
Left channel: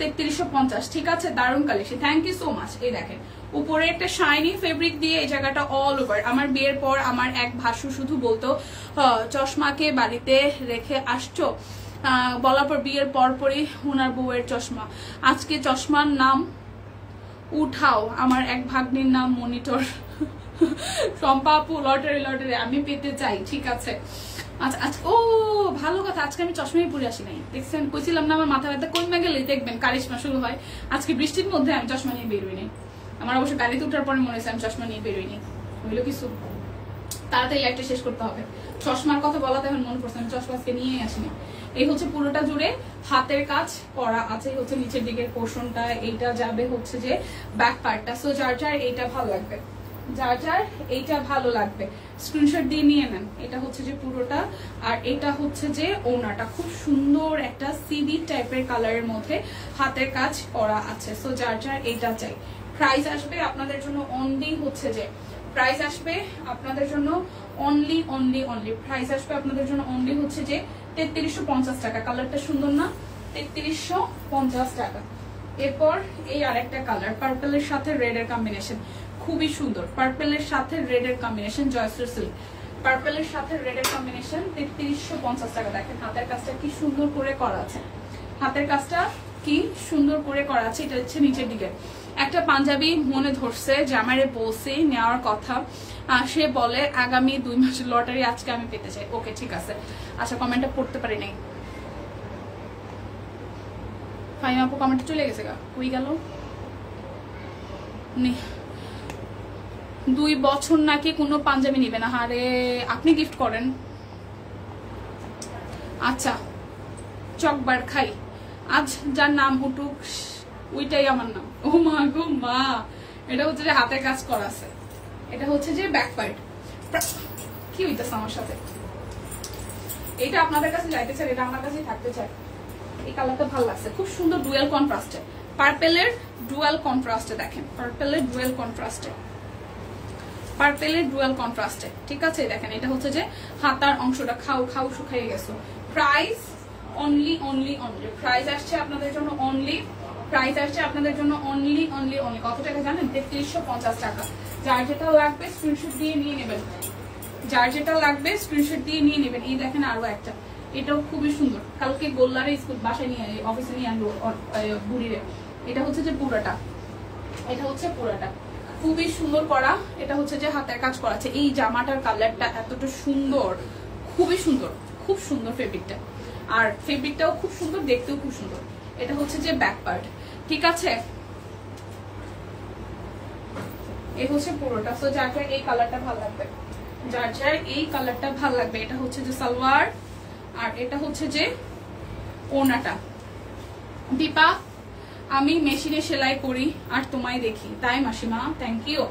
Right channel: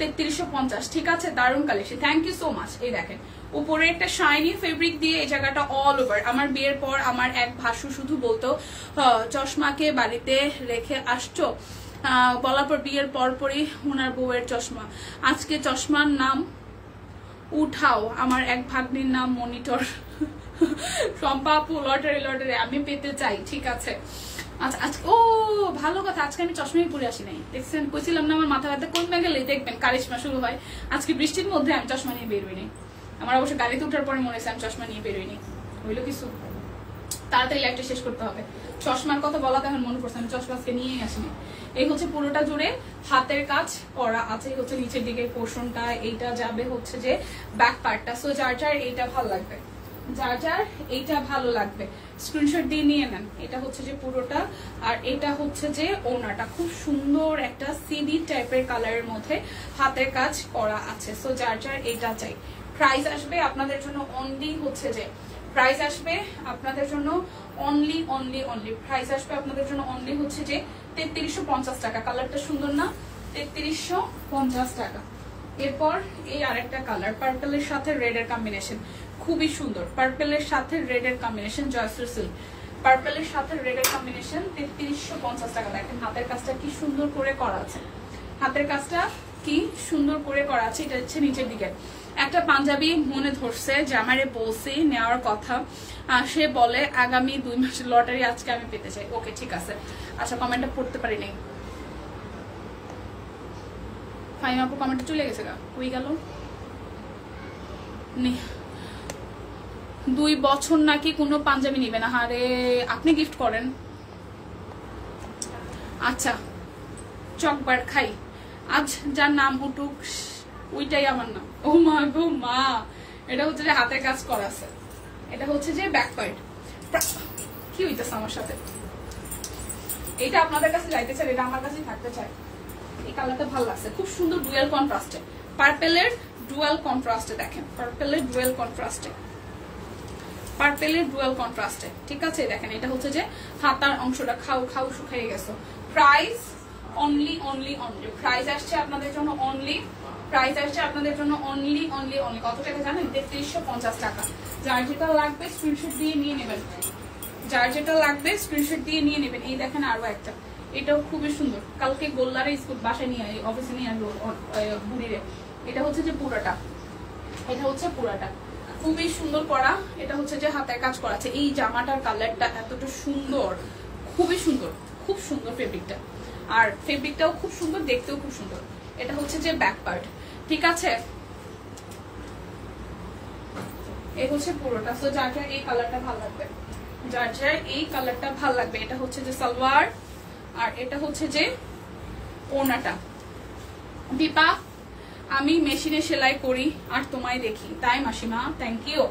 3350, ঠিক আছে। দারুণ collection, thank you so much. এই দেখেন উপরে একটা শাইনি ফেব্রিক দিয়ে এই জায়গাটা অল ওভার। আমার বিয়ের পর আমার এক ভাসু শুধু বলতো চশমাকে বাড়িতে রেখে আসছো, বলার পর বিয়ের পরপরই ওনার বউয়ের চশমা। আজকে চশমার নাম উঠাও, আমার এক ভাগ্নির নাম মনিটর। শম্পা আপু লটারি লটারি আমি পেতে চাই, ঠিক আছে। আচ্ছা আচ্ছা, ও ভালো কথা, আজকে আমি চশমাই পরে আসি নাই, দেখছেন কইছিলাম না আমার মাথা ব্যথা কমে গেলে দেখবেন কারিশমা শুরু হয়। আজকে বৃষ্টির মধ্যে আমি চশমা নিয়ে বেরোইনি, আমার অবশ্য গাড়িতে উঠার পরে মনে হয়েছে আমি চশমা নিয়ে বেরোইনি। হইলো কিছু, তাড়াতাড়ি লাইটটা শেষ করতে হবে। চশমার কথা বলাতে এখন মনে করছে আমি চশমা আজকে নিয়েই আসিনি। এই হচ্ছে পুরোটা জুড়ে হাতের কাজ করা আছে, হচ্ছে নিচের দিকের পোর্শনটা, এইটা যাবে হচ্ছে যে ব্যাক পার্টটা। সো যার যার এইটা ভালো লাগবে, যার যার এইটা ভালো লাগবে স্ক্রিনশট দিয়ে নিয়ে নেন। এটা হচ্ছে যে পুরোটা, আর এটা হচ্ছে যে ওড়নাটা খুব সুন্দর একটা সিডি টাইপের কালারের মধ্যে হাতের কাজ করা আছে। সো যার যার এইটা চাই। প্রাইস আসবে আপনাদের জন্য অনলি হচ্ছে যে, প্রাইস আসবে আপনাদের জন্য অনলি প্রাইস আসবে আপনাদের জন্য অনলি হচ্ছে যে 3350 টাকা। কালারটা সুন্দর না? 3350 টাকা। এরপর এই আরেকটা কালার, পার্পলের সাথে রেড এর কম্বিনেশন, খুবই সুন্দর। পার্পলের সাথে রেড এর কম্বিনেশন, জয়শ্রী সিল্ক পার্পলের সাথে রেড এর কম্বিনেশন, 3350 টাকা। দেখেন হাতের কাজটা কি সুন্দর করে করা আছে, হাতের কাজটা কি সুন্দর করে করা আছে। এটা হচ্ছে নিচের দিকে একটা পাঞ্জাবি মনে ধরছে যে আমারে বলছি নেওয়ার কথা, সে বলে আগামী 2 মাসের লটারি আজকে আমি পেতে চাই। ওকে ঠিক আছে। আচ্ছা কমেন্টটা পড়তে পারি নাই, ফাইন আপু কমেন্টে চলে গেছে গা, কই গেল? 2 বছর নাকি কোনো পাঞ্জাবি নিবে না। আরে আপনি গিফট করেন। আচ্ছা চকবার খাই, আজ যার নাম উঠুক ওইটাই আমার নাম। ও মা গো মা, এটা হচ্ছে যে হাতের কাজ করা আছে, এটা হচ্ছে যে ব্যাক পার্ট। কি হইতেছে আমার সাথে? এটা আপনাদের কাছে যাইতে চাই, এটা আমার কাছে থাকতে চাই। এই কালারটা ভালো লাগছে, খুব সুন্দর ডুয়াল কন্ট্রাস্টে, পার্পেলের ডুয়াল কন্ট্রাস্টে দেখেন, পার্পেলের ডুয়াল কন্ট্রাস্টে, পার্পেলের ডুয়াল কন্ট্রাস্টে, ঠিক আছে। দেখেন এটা হচ্ছে যে হাতার অংশটা খাও খাও শুকিয়ে গেছে। Price only only only, price আসছে আপনাদের জন্য অনলি, প্রাইস আসছে আপনাদের জন্য অনলি অনলি অনলি কত টাকা জানেন? 3350 টাকা। যার যেটা লাগবে স্ক্রিনশট দিয়ে নিয়ে নেবেন, যার যেটা লাগবে স্ক্রিনশট দিয়ে নিয়ে নেবেন। এই দেখেন আরো একটা, এটাও খুবই সুন্দর, কালকে গোল্লারে স্কুল বাসায় নিয়ে অফিসে নিয়ে আনলো বুড়িরে। এটা হচ্ছে যে পুরাটা, এটা হচ্ছে পুরাটা খুবই সুন্দর করা। এটা হচ্ছে যে হাতের কাজ করা আছে। এই জামাটার কালারটা এতটা সুন্দর, খুবই সুন্দর, খুব সুন্দর ফেব্রিকটা, আর ফেব্রিকটাও খুব সুন্দর, দেখতেও খুব সুন্দর। এটা হচ্ছে যে ব্যাক পার্ট, ঠিক আছে। এই হচ্ছে পুরোটা। সো যার যার এই কালারটা ভালো লাগবে, যার যার এই কালারটা ভালো লাগবে। এটা হচ্ছে যে সালোয়ার, আর এটা হচ্ছে যে ওড়নাটা। দীপা আমি মেশিনে সেলাই করি আর তোমায় দেখি, তাই মাসিমা, থ্যাংক ইউ।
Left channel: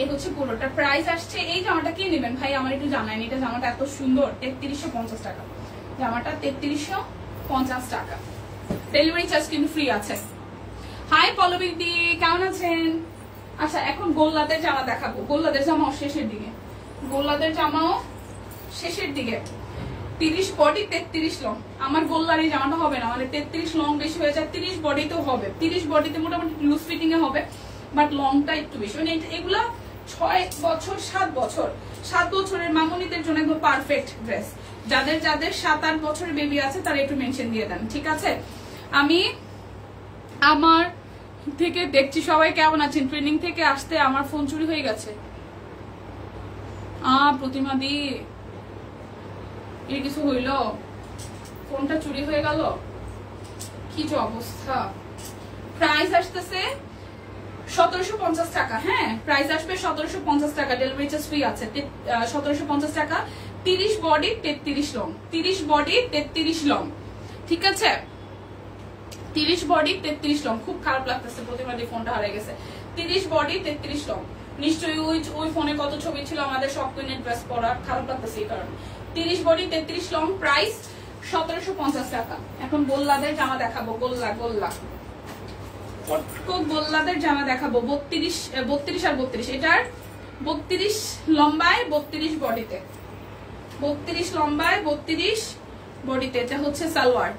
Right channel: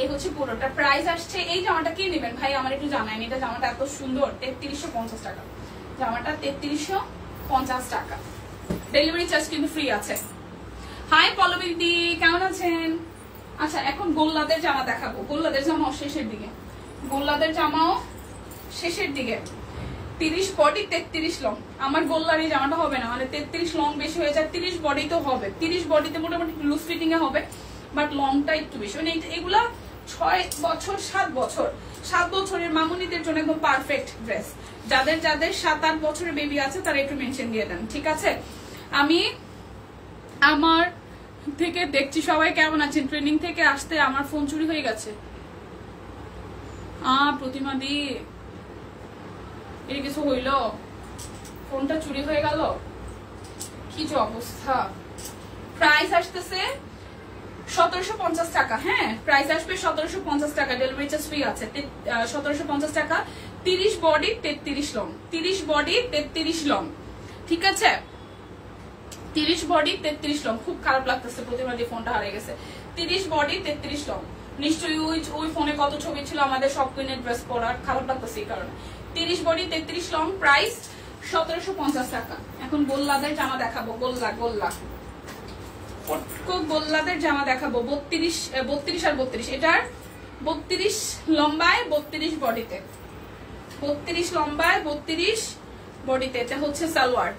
এই হচ্ছে পুরোটা। প্রাইস আসছে, এই জামাটা কি নেবেন ভাই আমার একটু জানাইনি। এটা জামাটা এত সুন্দর, 3350 টাকা জামাটা, 3350 টাকা। ডেলিভারি চার্জ কিন্তু ফ্রি আছে। হাই পল্লবী দি, কেমন আছেন? আচ্ছা এখন গোল্লাদের জামা দেখাবো, গোল্লাদের জামাও শেষের দিকে, গোল্লাদের জামাও শেষের দিকে। 30 বডি 33 লং। আমার গোল্লার এই জামাটা হবে না, মানে 33 লং বেশি হয়ে যায়, 30 বডি তো হবে, 30 বডিতে মোটামুটি লুজ ফিটিং এ হবে, বাট লংটা একটু বেশি। মানে এগুলা 6 বছর 7 বছর 7 বছরের মামুনিদের জন্য একদম পারফেক্ট ড্রেস। যাদের যাদের 7-8 বছরের বেবি আছে তারা একটু মেনশন দিয়ে দেন, ঠিক আছে। আমি আমার থেকে দেখছি সবাই কেমন আছেন। ট্রেনিং থেকে আসতে আমার ফোন চুরি হয়ে গেছে। প্রতিমা দি এর কিছু হইল, ফোনটা চুরি হয়ে গেল, কি যে অবস্থা। প্রাইস আসতেছে 1750 টাকা, হ্যাঁ প্রাইস আসবে 1750 টাকা, ডেলিভারি চার্জ ফ্রি আছে। 1750 টাকা, 30 বডি 33 লং, 30 বডি 33 লং, ঠিক আছে। 30 বডি 33 লং। খুব খারাপ লাগতেছে, প্রতিমা দিয়ে ফোনটা হারিয়ে গেছে। 30 বডি 33 লং। নিশ্চয়ই ওই ফোনে কত ছবি ছিল আমাদের সব কুইনের ড্রেস পরার, খারাপ লাগতেছে এই কারণে। 30 বডি 33 লং, প্রাইস 1750 টাকা। এখন গোল্লাদের জামা দেখাবো, গোল্লা গোল্লা গোল্লাদের জামা দেখাবো। 32 আর 32, এটার 32 লম্বায় 32 বডিতে, 32 লম্বায় 32 বডিতে। এটা হচ্ছে সালোয়ার,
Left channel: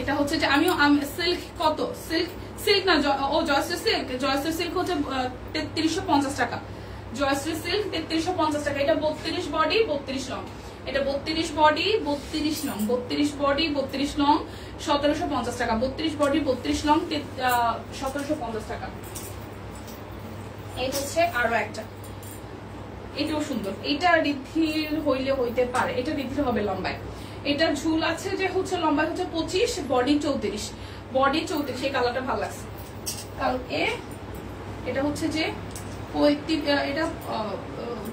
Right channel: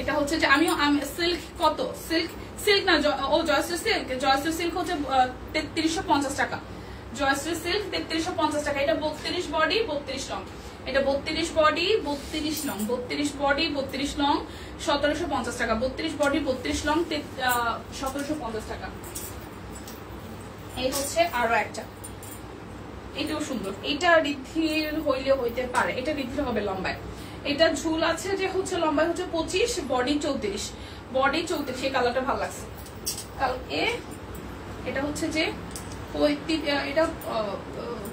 এটা হচ্ছে যে আমিও সিল্ক, কত সিল্ক, সিল্ক না ও জয়শ্রী সিল্ক, জয়শ্রী সিল্ক হচ্ছে 3350 টাকা, জয়শ্রী সিল্ক 3350 টাকা। এটা 32 বডি 32 লং, এটা 32 বডি 32 লং, 32 বডি 32 লং, 1750 টাকা। 32 বডি 32 লং, 1750 টাকা। এই হচ্ছে আরো একটা, এটাও সুন্দর। এটা ঋদ্ধির হইলে হইতে পারে, এটা ঋদ্ধির হবে লম্বায়। এটা ঝুল আছে যে হচ্ছে লম্বায় হচ্ছে 25, বডি 34, বডি 34। এই কালারটা ভালো লাগছে কালকে। এটা হচ্ছে যে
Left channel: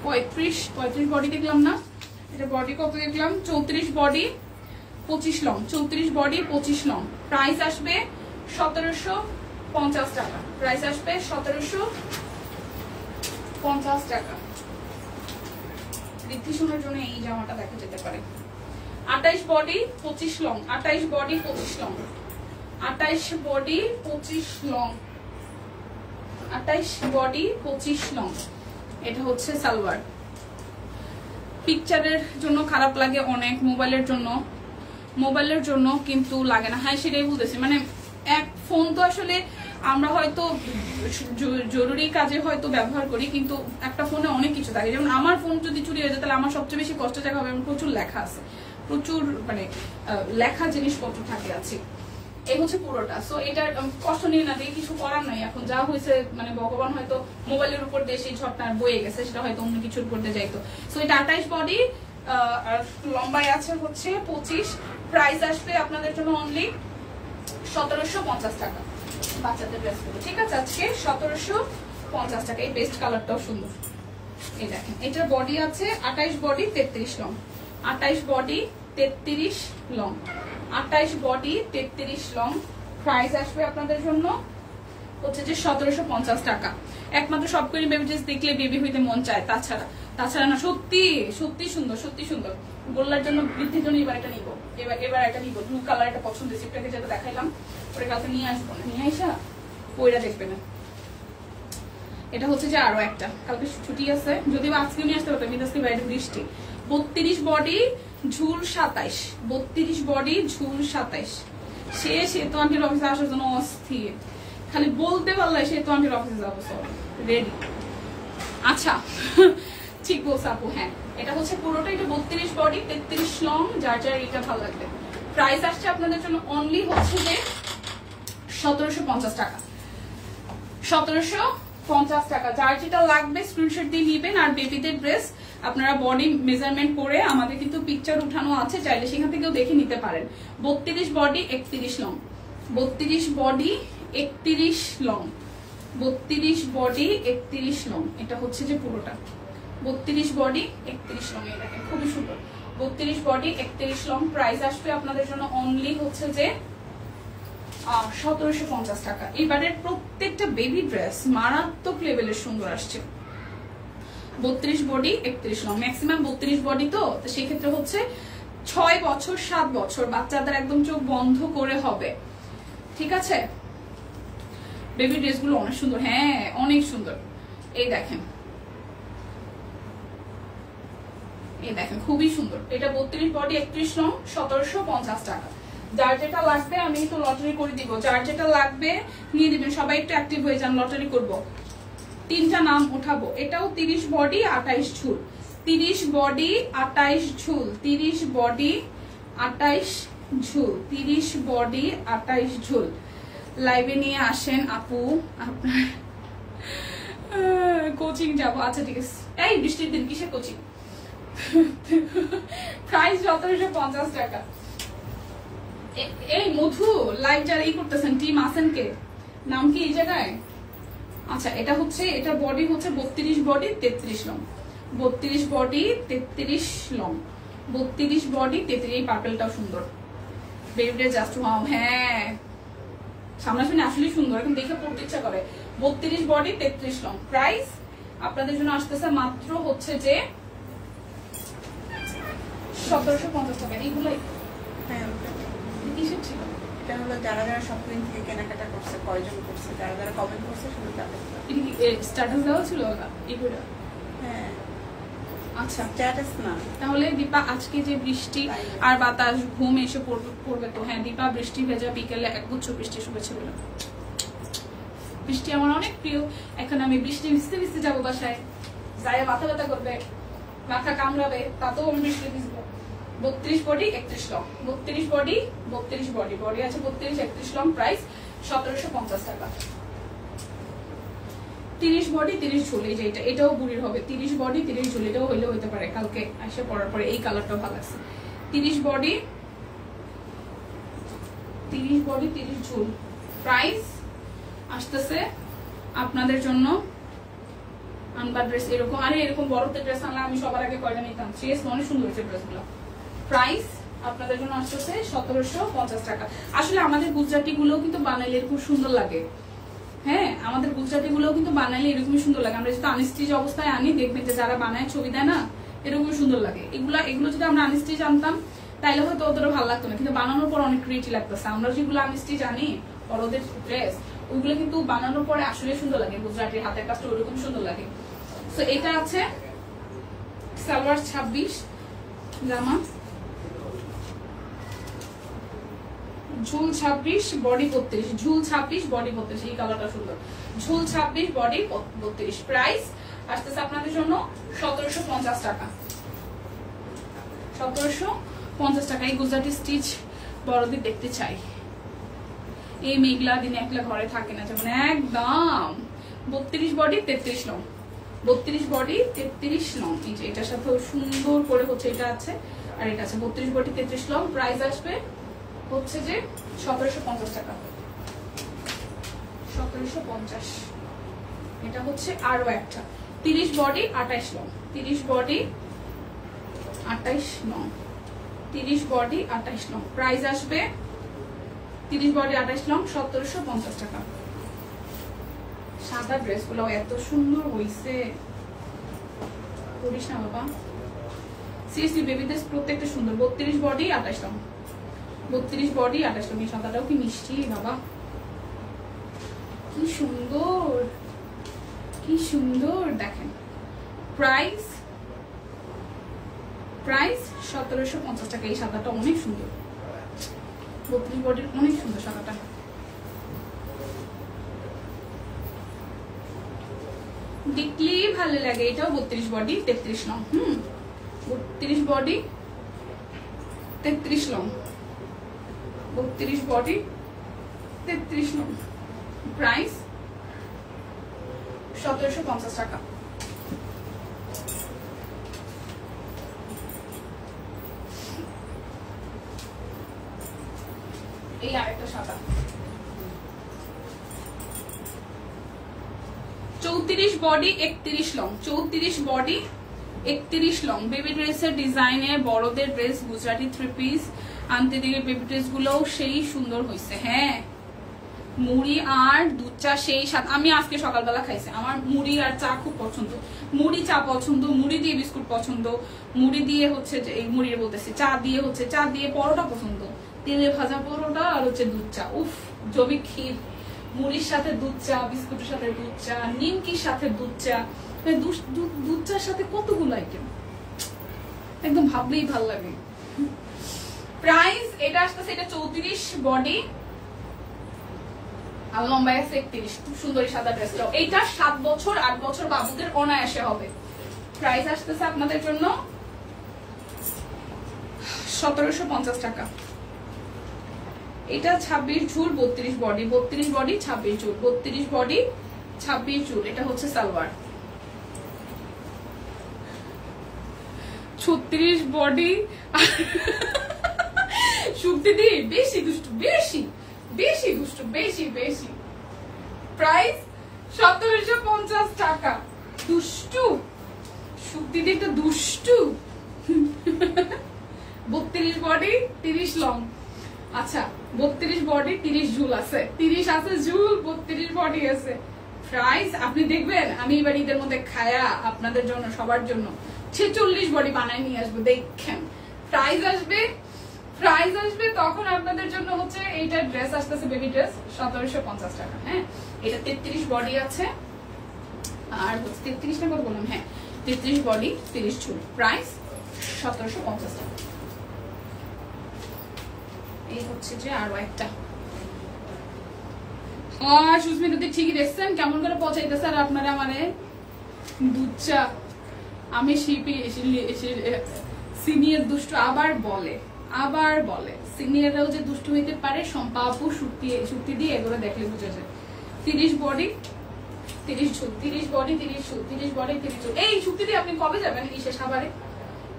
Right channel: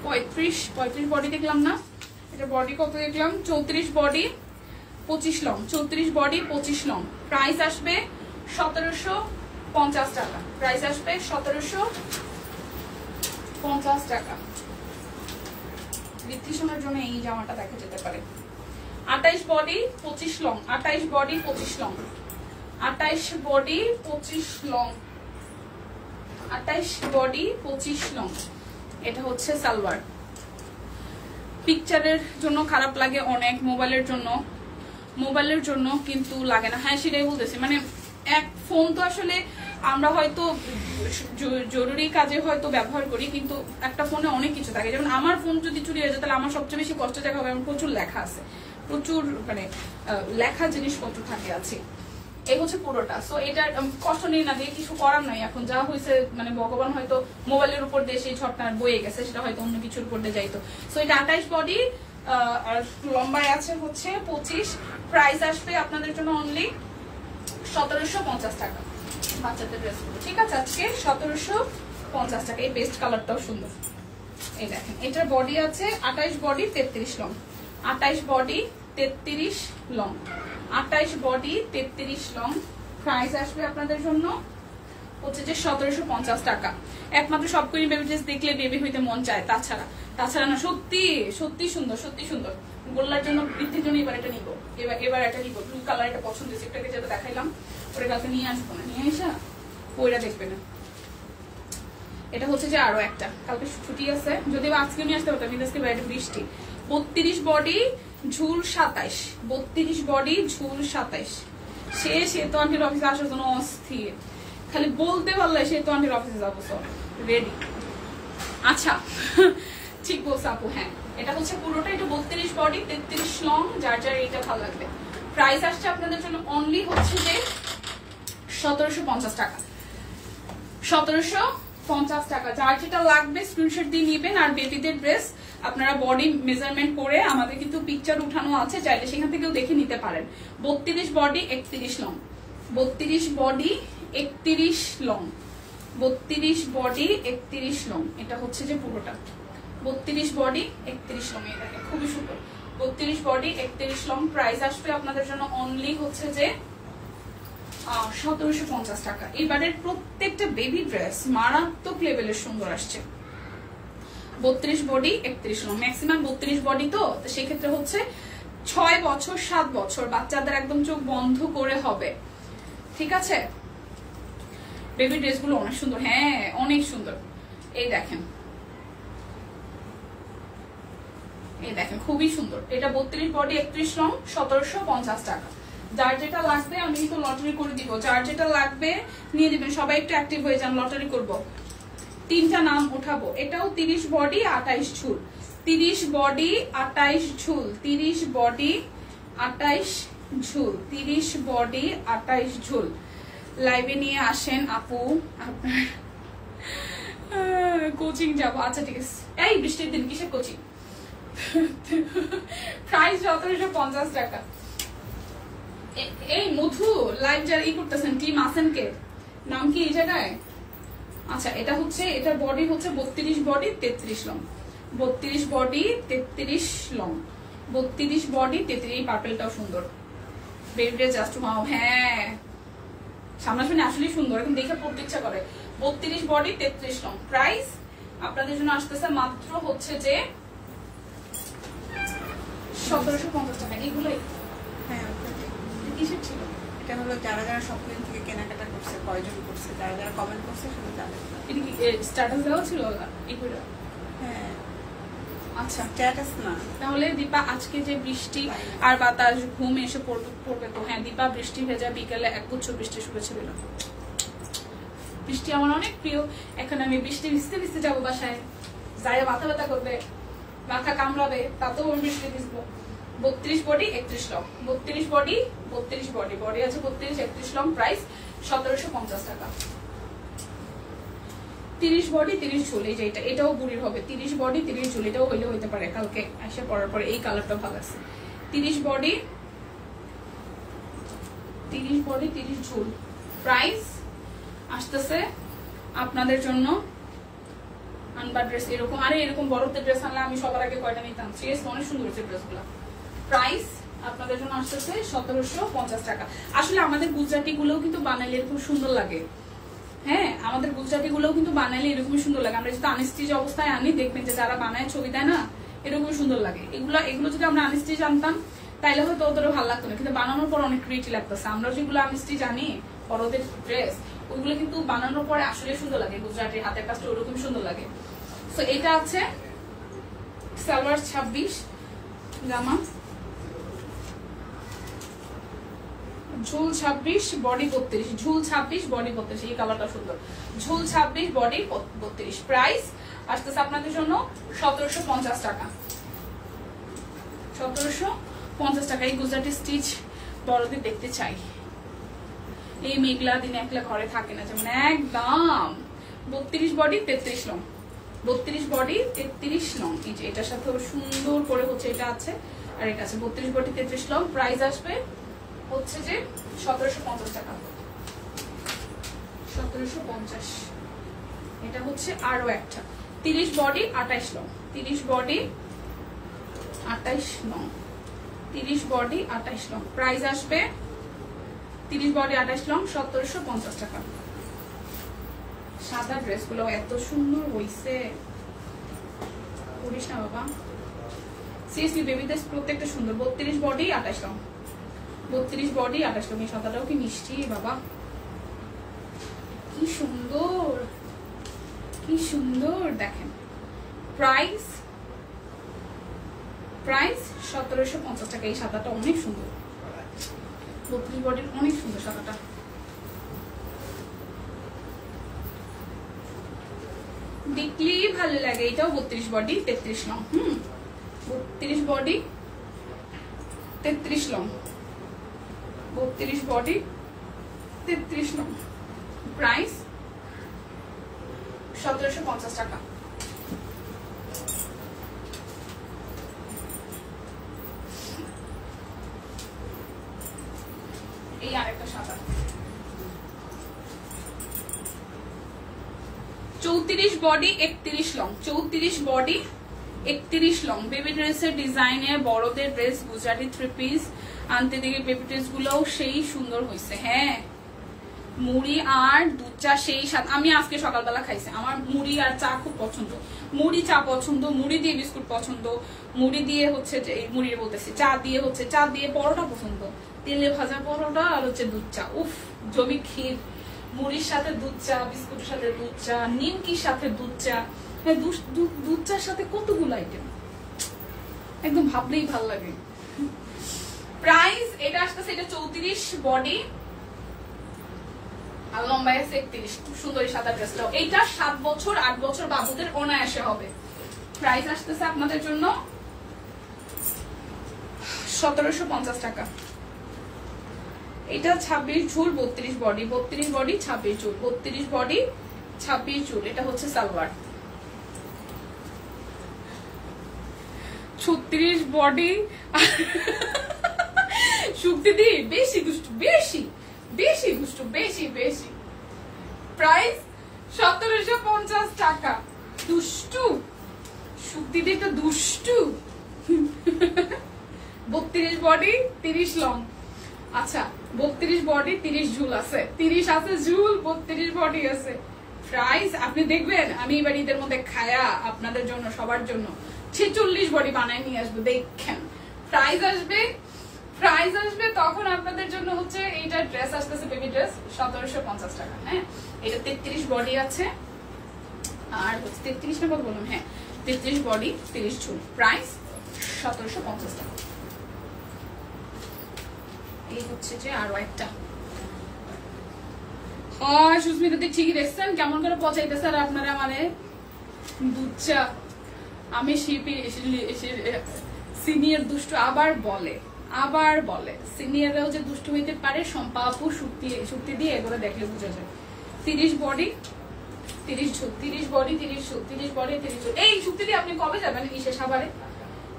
35 বডি দেখলাম না, এটা বডি কত দেখলাম? 34 body 25 long, 34 body 25 long. Price আসবে 1750 টাকা, প্রাইস আসবে 1750 টাকা। ঋদ্ধিসোনার জন্য এই জামাটা দেখা যেতে পারে। 28 body 25 long, 28 body 25 long, 28 body 25 long, 28 body 25 long. এটা হচ্ছে সালোয়ার। পিকচারের জন্য খারাপ লাগে অনেক, মোবাইলের জন্য কিন্তু লাগে না। হ্যাঁ সেটাই বলতেছি, মানে এক ফোন তো আসলে আমরা হয়তো জরুরি কাজে হয়তো ব্যবহার করি, কিন্তু একটা ফোনে অনেক কিছু থাকে। যেমন আমার ফোন যদি চুরি হয়ে যায় তাহলে আমার সবচেয়ে বেশি কষ্ট দেখা হবে, আমার প্রচুর লেখা আছে, প্রচুর মানে লেখা জিনিসপত্র থাকে আছে। এই হচ্ছে পুরোটা। সো এটার কষ্ট নিয়ে না, দিয়ে কিছু করার নাই। এখন যা হয়েছে মানে ভগবান হয়তো মোবাইলের উপর দিয়ে সেই ছটটা বয়ে গেছে, সেটা হয়তো অন্য কিছুর উপর দিয়ে যাইতো। সো এটা 28 বডি আর লম্বায় আছে হচ্ছে 25। প্রাইস আসবে আপনাদের জন্য অনলি 1750 টাকা। বাচ্চাদের ড্রেস গুলো ঠিক আছে, আজকে 1750 টাকা। এই বেস্ট কালারটাও সুন্দর। এই দেখেন, এটার বডি আছে 28 body 33 long, 28 body 33 long, 28 body 33 long. Price আসবে আপনাদের জন্য হচ্ছে যে 1750 টাকা। একমাত্র সবকটি বেবি ড্রেস দেখলে বেবি হইতে মন চায়, তাছাড়া না। সত্যি সত্যি সুন্দর, সত্যি সুন্দর। গোল্লার জন্য বৃদ্ধির জন্য এবার এটা নিব। এবার একটা নিব, ব্লু কালার একটা পছন্দ হয়েছে, একটাকে যেটা দেখাইলাম ওটা কালকে নিয়ে আসবো না, নিয়ে আসা ওইটা দেখবে না। এটা হচ্ছে যে আরো একটা, কালকে ছুটি আছে, যদিও আজকে নিয়ে আসতে পারতাম কিন্তু আজকে বাইরে বৃষ্টি। 32 বডি ঝুল 27, 32 বডি ঝুল 27। সে তো আন্টির অফিসে আসার জন্য অস্থির, খালি বলতে পারলে সে তো আন্টির অফিসে যাবো, সব রেডি। আচ্ছা ঠিক বলছে আপু, হ্যাঁ এটা হচ্ছে পুরোটা, এটা 32 বডি 33 লং, যার যার এটা ভালো লাগবে। প্রাইস আসছে আপনাদের জন্য অনলি হচ্ছে যে 1750 টাকা, 1750 টাকা। যার যেটা লাগবে স্ক্রিনশট দিয়ে নিবেন। আর বেবিদের ড্রেস আপনারা বডি মেজারমেন্ট করে, আমাদের কিন্তু পিকচার উঠানো আছে, চাইলে সেখান থেকেও দেখে নিতে পারেন। 32 body 31 long, 32 body 31 long, 32 body 31 long, এটা হচ্ছে যে পুরোটা 32 বডি 31 লং। এটা খুবই সুন্দর, 32 বডি 31 লং। প্রাইস আসবে আপনাদের জন্য অনলি হচ্ছে যে 1750 টাকা। এবারের প্রত্যেকটা বেবি ড্রেস মারাত্মক লেভেলের সুন্দর আসছে। 32 বডি 31 লং, ম্যাক্সিমাম 32 বডি, তো সেই ক্ষেত্রে হচ্ছে 6 বছর 7 বছর বাচ্চাদের একদম চোখ বন্ধ করে হবে, ঠিক আছে। বেবি ড্রেস গুলো অনেক সুন্দর, হ্যাঁ অনেক সুন্দর। এই দেখেন, এই দেখেন খুবই সুন্দর। এটা 32 বডি 31 লং, 1750 টাকা। যার যেটা লাগবে আমি একটু লটারি করে দিব, যার যেটা লাগবে নিয়ে দিবেন। সবাই একটু অ্যাক্টিভ হয়ে যান, লটারি করব। 3টা নাম উঠাবো। এটাও 30 বডি 28 ঝুল, 30 বডি 28 ঝুল, 30 বডি 28 ঝুল, 30 বডি 28 ঝুল। লাইভে নিয়ে আসেন আপু, আপনার কোচিং যাবো। আচ্ছা ঠিক আছে, এই বৃষ্টির দিন কিসের কোচিং? প্রাইস 1750 টাকা। এই মধু লাইভ যারা ই করতেছেন, টিম আছেন কে, নাম কি এই জায়গায়? আচ্ছা এটা হচ্ছে, এটা বডি হচ্ছে 32 body 33 long, 32 body 33 long, 32 body 33। এই পার্পেলটাও সুন্দর, বেবিটা জাস্ট ওয়াও। হ্যাঁ সামনাসামনি আসলে সুন্দর, এখন দেখে পড়তে ইচ্ছা করে। 32 বডি 33 লং। প্রাইস আপনাদের জন্য আসতেছে মাত্র হচ্ছে যে 1750 টাকা। এইগুলোই কিসের ছিল? এটা হলো যারা যারা শপিং থেকে কেনাকাটা করছে, কয়জন করছে, যারা যারা কমেন্ট করছে শুধু তাদের। স্ট্যাটাস দেওয়া ছিল না এগুলো? হ্যাঁ আচ্ছা স্ট্যাটাস না। তাহলে দীপা আজকে যে বৃষ্টি আর বাতাস ঘুম এসে পড়বে তো, হ্যাঁ দীপা বৃষ্টি ভেজা বিকেলে একগুচ্ছ বৃষ্টি শুরু ছিল না। বৃষ্টি আমার অনেক প্রিয়। এখন আমি বৃষ্টি ভিজতে ভিজতে যাবো বাসায়, যাই মাথা ব্যথা করবে, মাথা কামড়াবে, তাতেও আমি বৃষ্টি ভিজবো। 32 body 31 long, 32 body 32 body, body আছে 32 31 লং। প্রাইস 1750 টাকা। 30 বডি 30 ঝুল, এই যে এটাও বুড়ির হবে। 30 বডি 30 ঝুল, এটাও হইলে হইতে পারে, কালকে এসে পড়ার পরে। এই কালারটাও ভালো আছে। 30 বডি 30 ঝুল। প্রাইস আসতেছে আপনাদের জন্য আনবার ড্রেস এরকম, আরে এরকম বড়দের ড্রেস আনলে আমি সবার আগে কয়টা নিতাম। সিরিয়াস অনেক সুন্দর হয়েছে ড্রেসগুলো। প্রাইস আপনাদের জন্য আসতেছে 1750 টাকা। আসলে আমাদের গুজরাটি গুলোও কিন্তু বানাইলে খুব সুন্দর লাগে। হ্যাঁ আমাদের গুজরাটি গুলোও কিন্তু বানাইলে এরকমই সুন্দর লাগে। আমরা যদি আনস্টিচ অবস্থায় আনি, দেখবেন যে যারা বানায় ছবি দেয় না, এরকমই সুন্দর লাগে। এগুলো যদি আমরা আনস্টিচ আনতাম তাইলে হয়তো অতটা ভালো লাগতো না, কিন্তু বানানোর পর অনেক ক্রিয়েটি লাগতেছে। আমরা যেগুলো আনস্টিচ আনি বড়দের ড্রেস, ওইগুলো কিন্তু বানানোর পরে আসলে সুন্দর লাগে। গুজরাটির হাতের কাজটা ওরকম সুন্দর লাগে। তো এটা আছে সালোয়ার 26, জামা ঝুল 26, বডি 32, ঝুল 26 বডি 32। এই কালারটা সুন্দর, ঝুল 26 বডি 32। প্রাইস আসতেছে আপনাদের জন্য 1750 টাকা, 1750 টাকা। এই গুজরাটি স্টিচ বড়দের দেখতে চাই। এই মেঘলা দিনে একলা ঘরে থাকে না, যেমন একদম 32 বডি 33 লং, 32 বডি 33 লং। এই যে এটার সাথে সুন্দর করে হচ্ছে এটা আছে, আর এটা আছে 32 বডি 33 লং। প্রাইস আসবে হচ্ছে যে 1750 টাকা, 1750। এটা হচ্ছে আরো একটা 30 body 28 long, 30 body 28 long, 30 body 28 long. Price আসবে 30 বডি 28 লং 1750 টাকা। সাদা ড্রেস গুলো এত সুন্দর হয়েছে, করিস না বাবা। সিরিয়াসলি বেবি ড্রেস প্রত্যেকটা সুন্দর। 32 বডি 28 লং, 32 বডি 28 লং। এই সাদাটাও কি মিষ্টি বাবা, কি সুন্দর কি সুন্দর দেখেন। প্রাইস 1750 টাকা। এই সাদাটা অনেক সুন্দর, 32 বডির অনেক সুন্দর সাদাটা। দেখলেই ভালো লাগে। এটাও 32 body 33 long. 32 body 33 long, 32 body 33 long. Price 1750 টাকা। এই আরেকটা সাদা 34 body 31 long, 34 body 31 long. Baby ড্রেসের ডিজাইনের বড়দের ড্রেস, গুজরাটি থ্রি পিস আনতে দিকে বেবি ড্রেস গুলোও সেই সুন্দর হয়েছে। হ্যাঁ, মুড়ি আর দুধ চা সেই সাথে আমি আজকে সকালবেলা খাইছি। আমার মুড়ি আর চা খুব পছন্দ, মুড়ি চা পছন্দ, মুড়ি দিয়ে বিস্কুট পছন্দ, মুড়ি দিয়ে হচ্ছে মুড়ি বলতেছি চা দিয়ে হচ্ছে চা দিয়ে পরোটা পছন্দ, তেলে ভাজা পরোটা আর হচ্ছে দুধ চা। উফ, জমি ক্ষীর, মুড়ির সাথে দুধ চা, বিস্কুটের সাথে দুধ চা, নিমকির সাথে দুধ চা, দুধ চার সাথে কতগুলো আইটেম, একদম ভাবলেই ভাল লাগে। প্রাইস এটা আসতেছে, এটা 34 বডি আর লম্বায় আছে 31। খুব সুন্দর সাদা ড্রেসটাও। এইটা 7 বছর 8 বছর বাবুদের অনায়াসে হবে। প্রাইস আসতেছে আপনাদের জন্য 1750 টাকা। এটা 26 ঝুল 32 বডি, 32 বডি 26 ঝুল, 32 বডি 26 ঝুল। এটা হচ্ছে সালোয়ার। 36 বডি শুক্তি দি বেশি দুষ্টু, বেশি বেশি দুষ্টু, বেশি বেশি। প্রাইস 1750 টাকা। দুষ্টু শুক্তি দি তো দুষ্টু। 32 বডি 30 লং। আচ্ছা, 32 বডি 30 ঝুল আছে, 30 আছে ঝুল, 32 বডি আছে। প্রাইস আপনি দেখবেন আমি এবার ঈদের মধ্যে খায়া আপনাদের জন্য সবার জন্য 46 বডি বানায় নিয়ে আসবো, দেখেন। প্রাইস আসবে তখন আপনাদের জন্য হচ্ছে এইটা ড্রেস আসতেছে, বেবি ড্রেস 1750 টাকা। হ্যাঁ, এটা 33 বডি আছে আর হচ্ছে 33 না কত বললাম, হ্যাঁ 33 বডি 30 ঝুল। প্রাইস 1750 টাকা। এই হচ্ছে যে আরো একটা সুস্মিতাতে ঠিকই দেখছেন কেমন করে পচাইতেছে। আর আপনারা মানে দুধ চা, আমি সিনিয়র দুষ্টু আবার বলে সিনিয়ররাও যে দুষ্টু হইতে পারে। সম্পা আপু শুক্তি দিয়ে এগুলো দেখলে বুঝা যায়। 30 বডি 30 ঝুল, 30 বডি 30 ঝুল, 30 বডি 30 ঝুল। এই শুক্তি দিয়ে আপনি কবে যাবেন? সাভারে,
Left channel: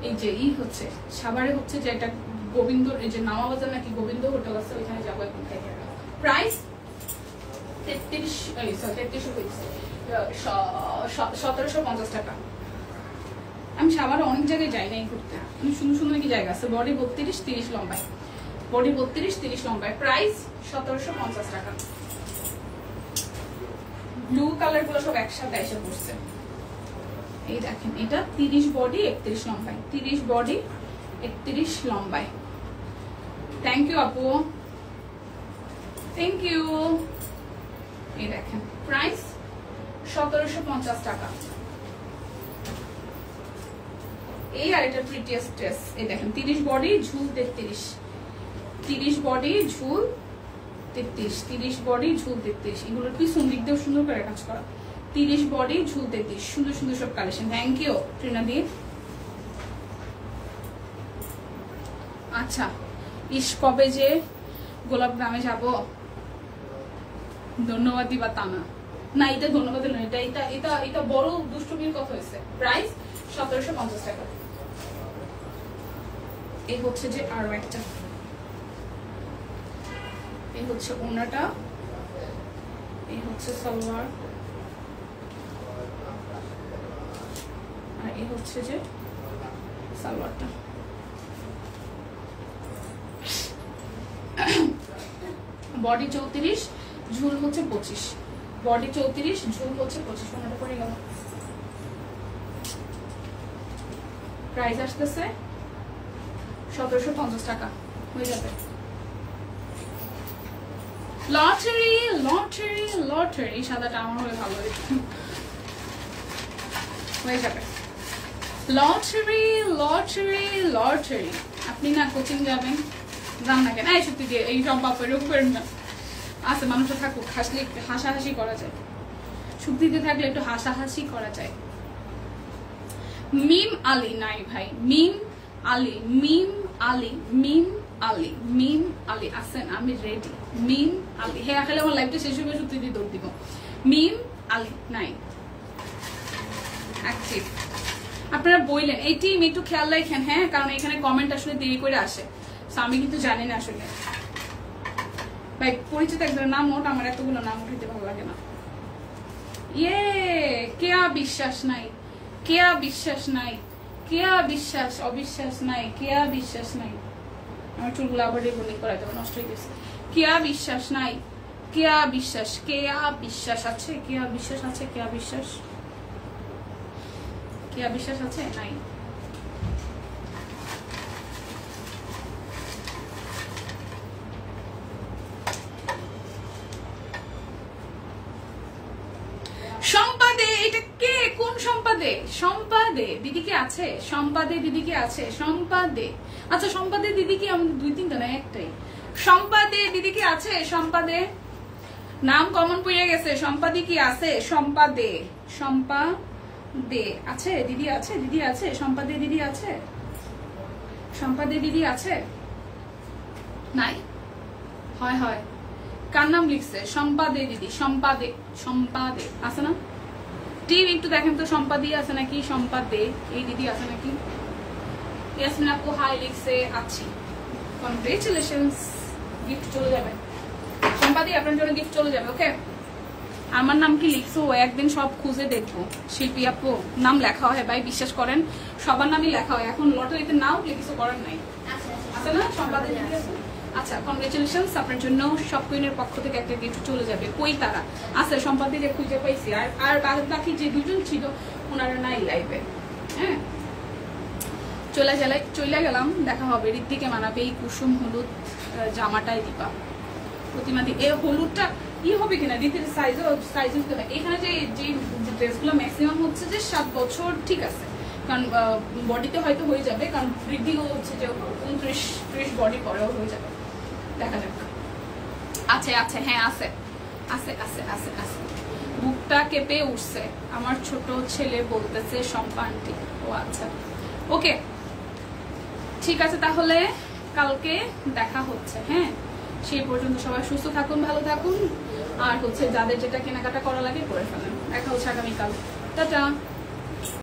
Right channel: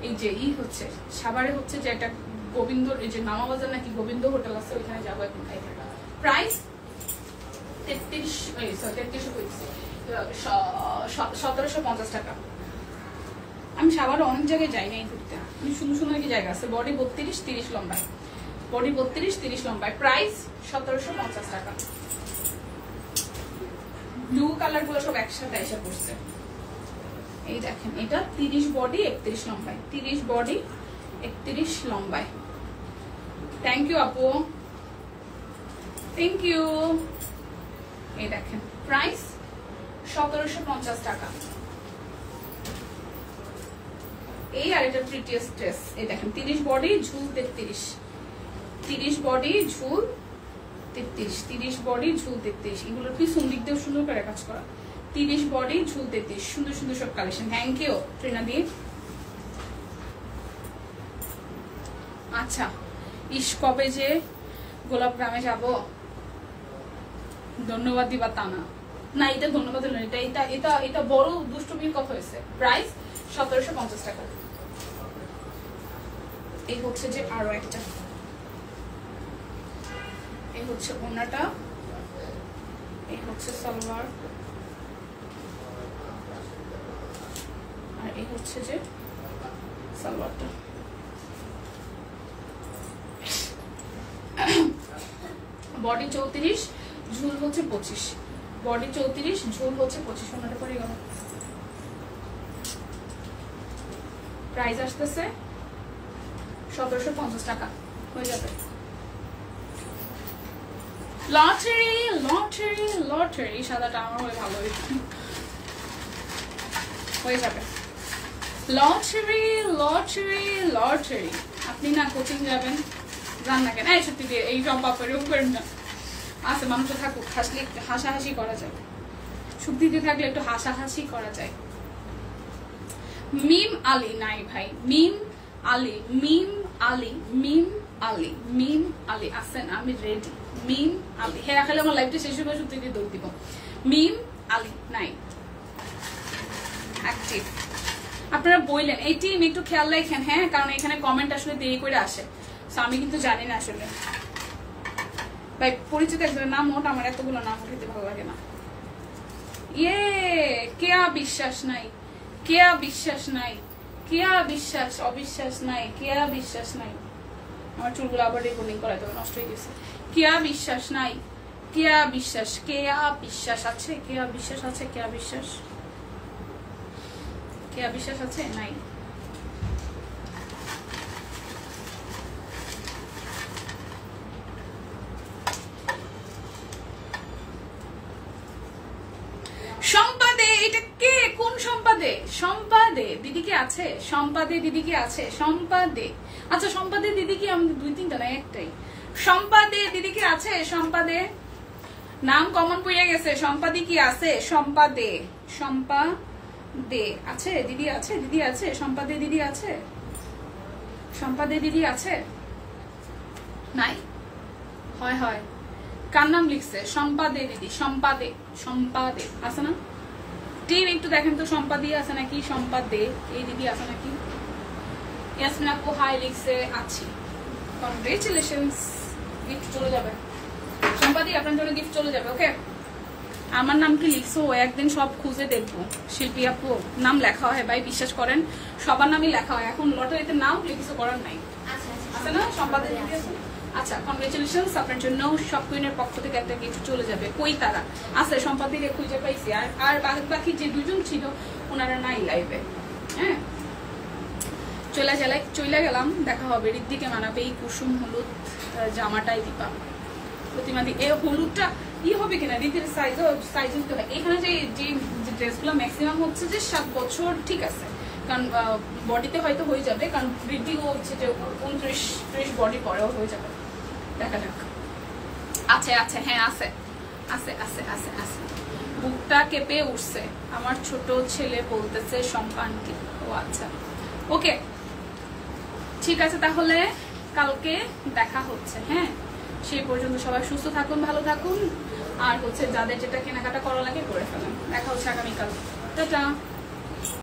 এই যে হচ্ছে সাভারে হচ্ছে যে একটা গোবিন্দ, এই যে নামাবাজার নাকি গোবিন্দ হোটেল আছে, ওইখানে যাবো এখন খাইতে। প্রাইস 1750 টাকা। আমি সাভারে অনেক জায়গায় যাই নাই ঘুরতে, আমি সুন্দর সুন্দর কি জায়গা আছে। বডি 32 30 লম্বায়, বডি 32 30 লম্বায়। প্রাইস 1750 টাকা। ব্লু কালার গুলো সব একসাথে এসে পড়ছে। এই দেখেন, এটা 30 বডি 31 লম্বায়, 30 বডি 31 লম্বায়। থ্যাংক ইউ আপু, থ্যাংক ইউ। এই দেখেন, প্রাইস 1750 টাকা। এই আর এটা প্রিটিয়েস্ট ড্রেস। এই দেখেন, 30 বডি ঝুল 33, 30 বডি ঝুল 33, 30 বডি ঝুল 33। এগুলো কি সুন্দর দিক সুন্দর করে কাজ করা। 30 বডি ঝুল 33, সুন্দর সুন্দর সব কালেকশন। থ্যাংক ইউ ট্রিনা দি। আচ্ছা, কবে যে গোলাপ গ্রামে যাব, ধন্যবাদ দিবা তা না, এটা ধন্যবাদ দিল না, এটা বড় দুষ্টমির কথা হয়েছে। প্রাইস 1750 টাকা। এই হচ্ছে যে আরো একটা, এই হচ্ছে ওড়নাটা, এই হচ্ছে সালোয়ার, আর এই হচ্ছে যে সালোয়ারটা। বডি 34 ঝুল হচ্ছে 25, বডি 34 ঝুল হচ্ছে 25। ওনাটা পরে গেল। প্রাইস আসতেছে 1750 টাকা হয়ে যাবে। লটারি লটারি লটারি সাদাটা আমার হলে ভালো হয়ে যাবে। Lottery lottery lottery. আপনি না কোচিং যাবেন, যান না কেন? এই সত্যি দিয়ে এই সব বাপার করেন না। আচ্ছা, মানুষ তো থাকুক, হাসলে একটু হাসাহাসি করা যায়, শুদ্ধিতে থাকলে একটু হাসাহাসি করা যায়। মিম আলী নাই ভাই, মিম আলী, মিম আলী, মিম আলী, মিম আলী আছেন? আমি রেডি। মিম আলী, হ্যাঁ খালি আমার লাইফটা শেষ হয়ে সত্যি দিয়ে দৌড় দিব। মিম আলী নাই অ্যাক্টিভ। আপনারা বললেন এই টিম একটু খেয়াল রাখেন, হ্যাঁ, কারণ এখানে কমেন্ট আসলে দেরি করে আসে, আমি কিন্তু জানি না আসলে। ভাই পরিচিত একজনের নাম নোট, আমার এতগুলো নাম উঠাতে ভালো লাগে না। ইয়ে কেয়া বিশ্বাস নাই, কেয়া বিশ্বাস নাই, কেয়া বিশ্বাস, অবিশ্বাস নাই, কেয়া বিশ্বাস নাই। আমার চুলগুলো আবার রেকর্ডিং করা যাবে, নষ্ট হয়ে গেছে। কেয়া বিশ্বাস নাই, কেয়া বিশ্বাস, কেয়া বিশ্বাস আছে, কেয়া বিশ্বাস আছে, কেয়া বিশ্বাস, কেয়া বিশ্বাস আছে নাই। সম্পাদে, এটা কে? কোন সম্পাদে? সম্পাদে দিদি কি আছে? সম্পাদে দিদি কি আছে? সম্পাদে, আচ্ছা সম্পাদে দিদি কি? আমাদের 2-3টা না, একটাই। সম্পাদে দিদি কি আছে? সম্পাদে নাম কমন পড়ে গেছে। সম্পাদি কি আছে? সম্পাদে, সম্পাদে আছে দিদি, আছে দিদি আছে, সম্পাদে দিদি আছে, সম্পাদে দিদি আছে নাই? হয় হয়, কার নাম লিখছে? সম্পাদে দিদি, সম্পাদে, সম্পাদে আছে না? টিম একটু দেখেন তো সম্পাদি আছে নাকি, সম্পাদে এই দিদি আছে নাকি? ইয়াসমিন আপু হাই লিখছে, আছি। কনগ্রেচুলেশনস, গিফট চলে যাবে সম্পাদি, আপনার জন্য গিফট চলে যাবে। ওকে, আমার নাম কি লিখছো? একদিন সব খুঁজে দেখবো। শিল্পী আপু নাম লেখা হয় ভাই, বিশ্বাস করেন সবার নামই লেখা হয়। এখন লটারিতে নাম কিছু করার নাই, আছে না? সম্পাদে দিদি আছে। আচ্ছা, কনগ্রেচুলেশন, আপনার জন্য সব কুইনের পক্ষ থেকে একটা গিফট চলে যাবে। কই তারা আছে? সম্পাদিকে খুঁজে পাইছি, আর বাকি যে দুজন ছিল ওনারা নাই লাইভে। হ্যাঁ, চলে গেলাম, দেখা হবে। ঋদ্ধিকে মানাবে এই কুসুম হলুদ জামাটাই দিবা। প্রতিমা দি এই হলুদটা ই হবে কিনা, ঋদ্ধির সাইজ এখানে যে ড্রেসগুলো ম্যাক্সিমাম হচ্ছে যে 7 বছর, ঠিক আছে, কারণ বডিতে হয়তো হয়ে যাবে, কারণ ঋদ্ধিও হচ্ছে যে 29-30 বডি পরেও হয়ে যাবে। দেখা যাক। আছে আছে, হ্যাঁ আছে আছে আছে আছে আছে। বুকটা কেঁপে উঠছে, আমার ছোট ছেলে বলতেছে সম্পান্তি। ও আচ্ছা, ওকে ঠিক আছে, তাহলে কালকে দেখা হচ্ছে। হ্যাঁ, সেই পর্যন্ত সবাই সুস্থ থাকুন, ভালো থাকুন, আর হচ্ছে যাদের যেটা কেনাকাটা করা লাগে করে ফেলেন। দেখা হচ্ছে আগামীকাল। টাটা।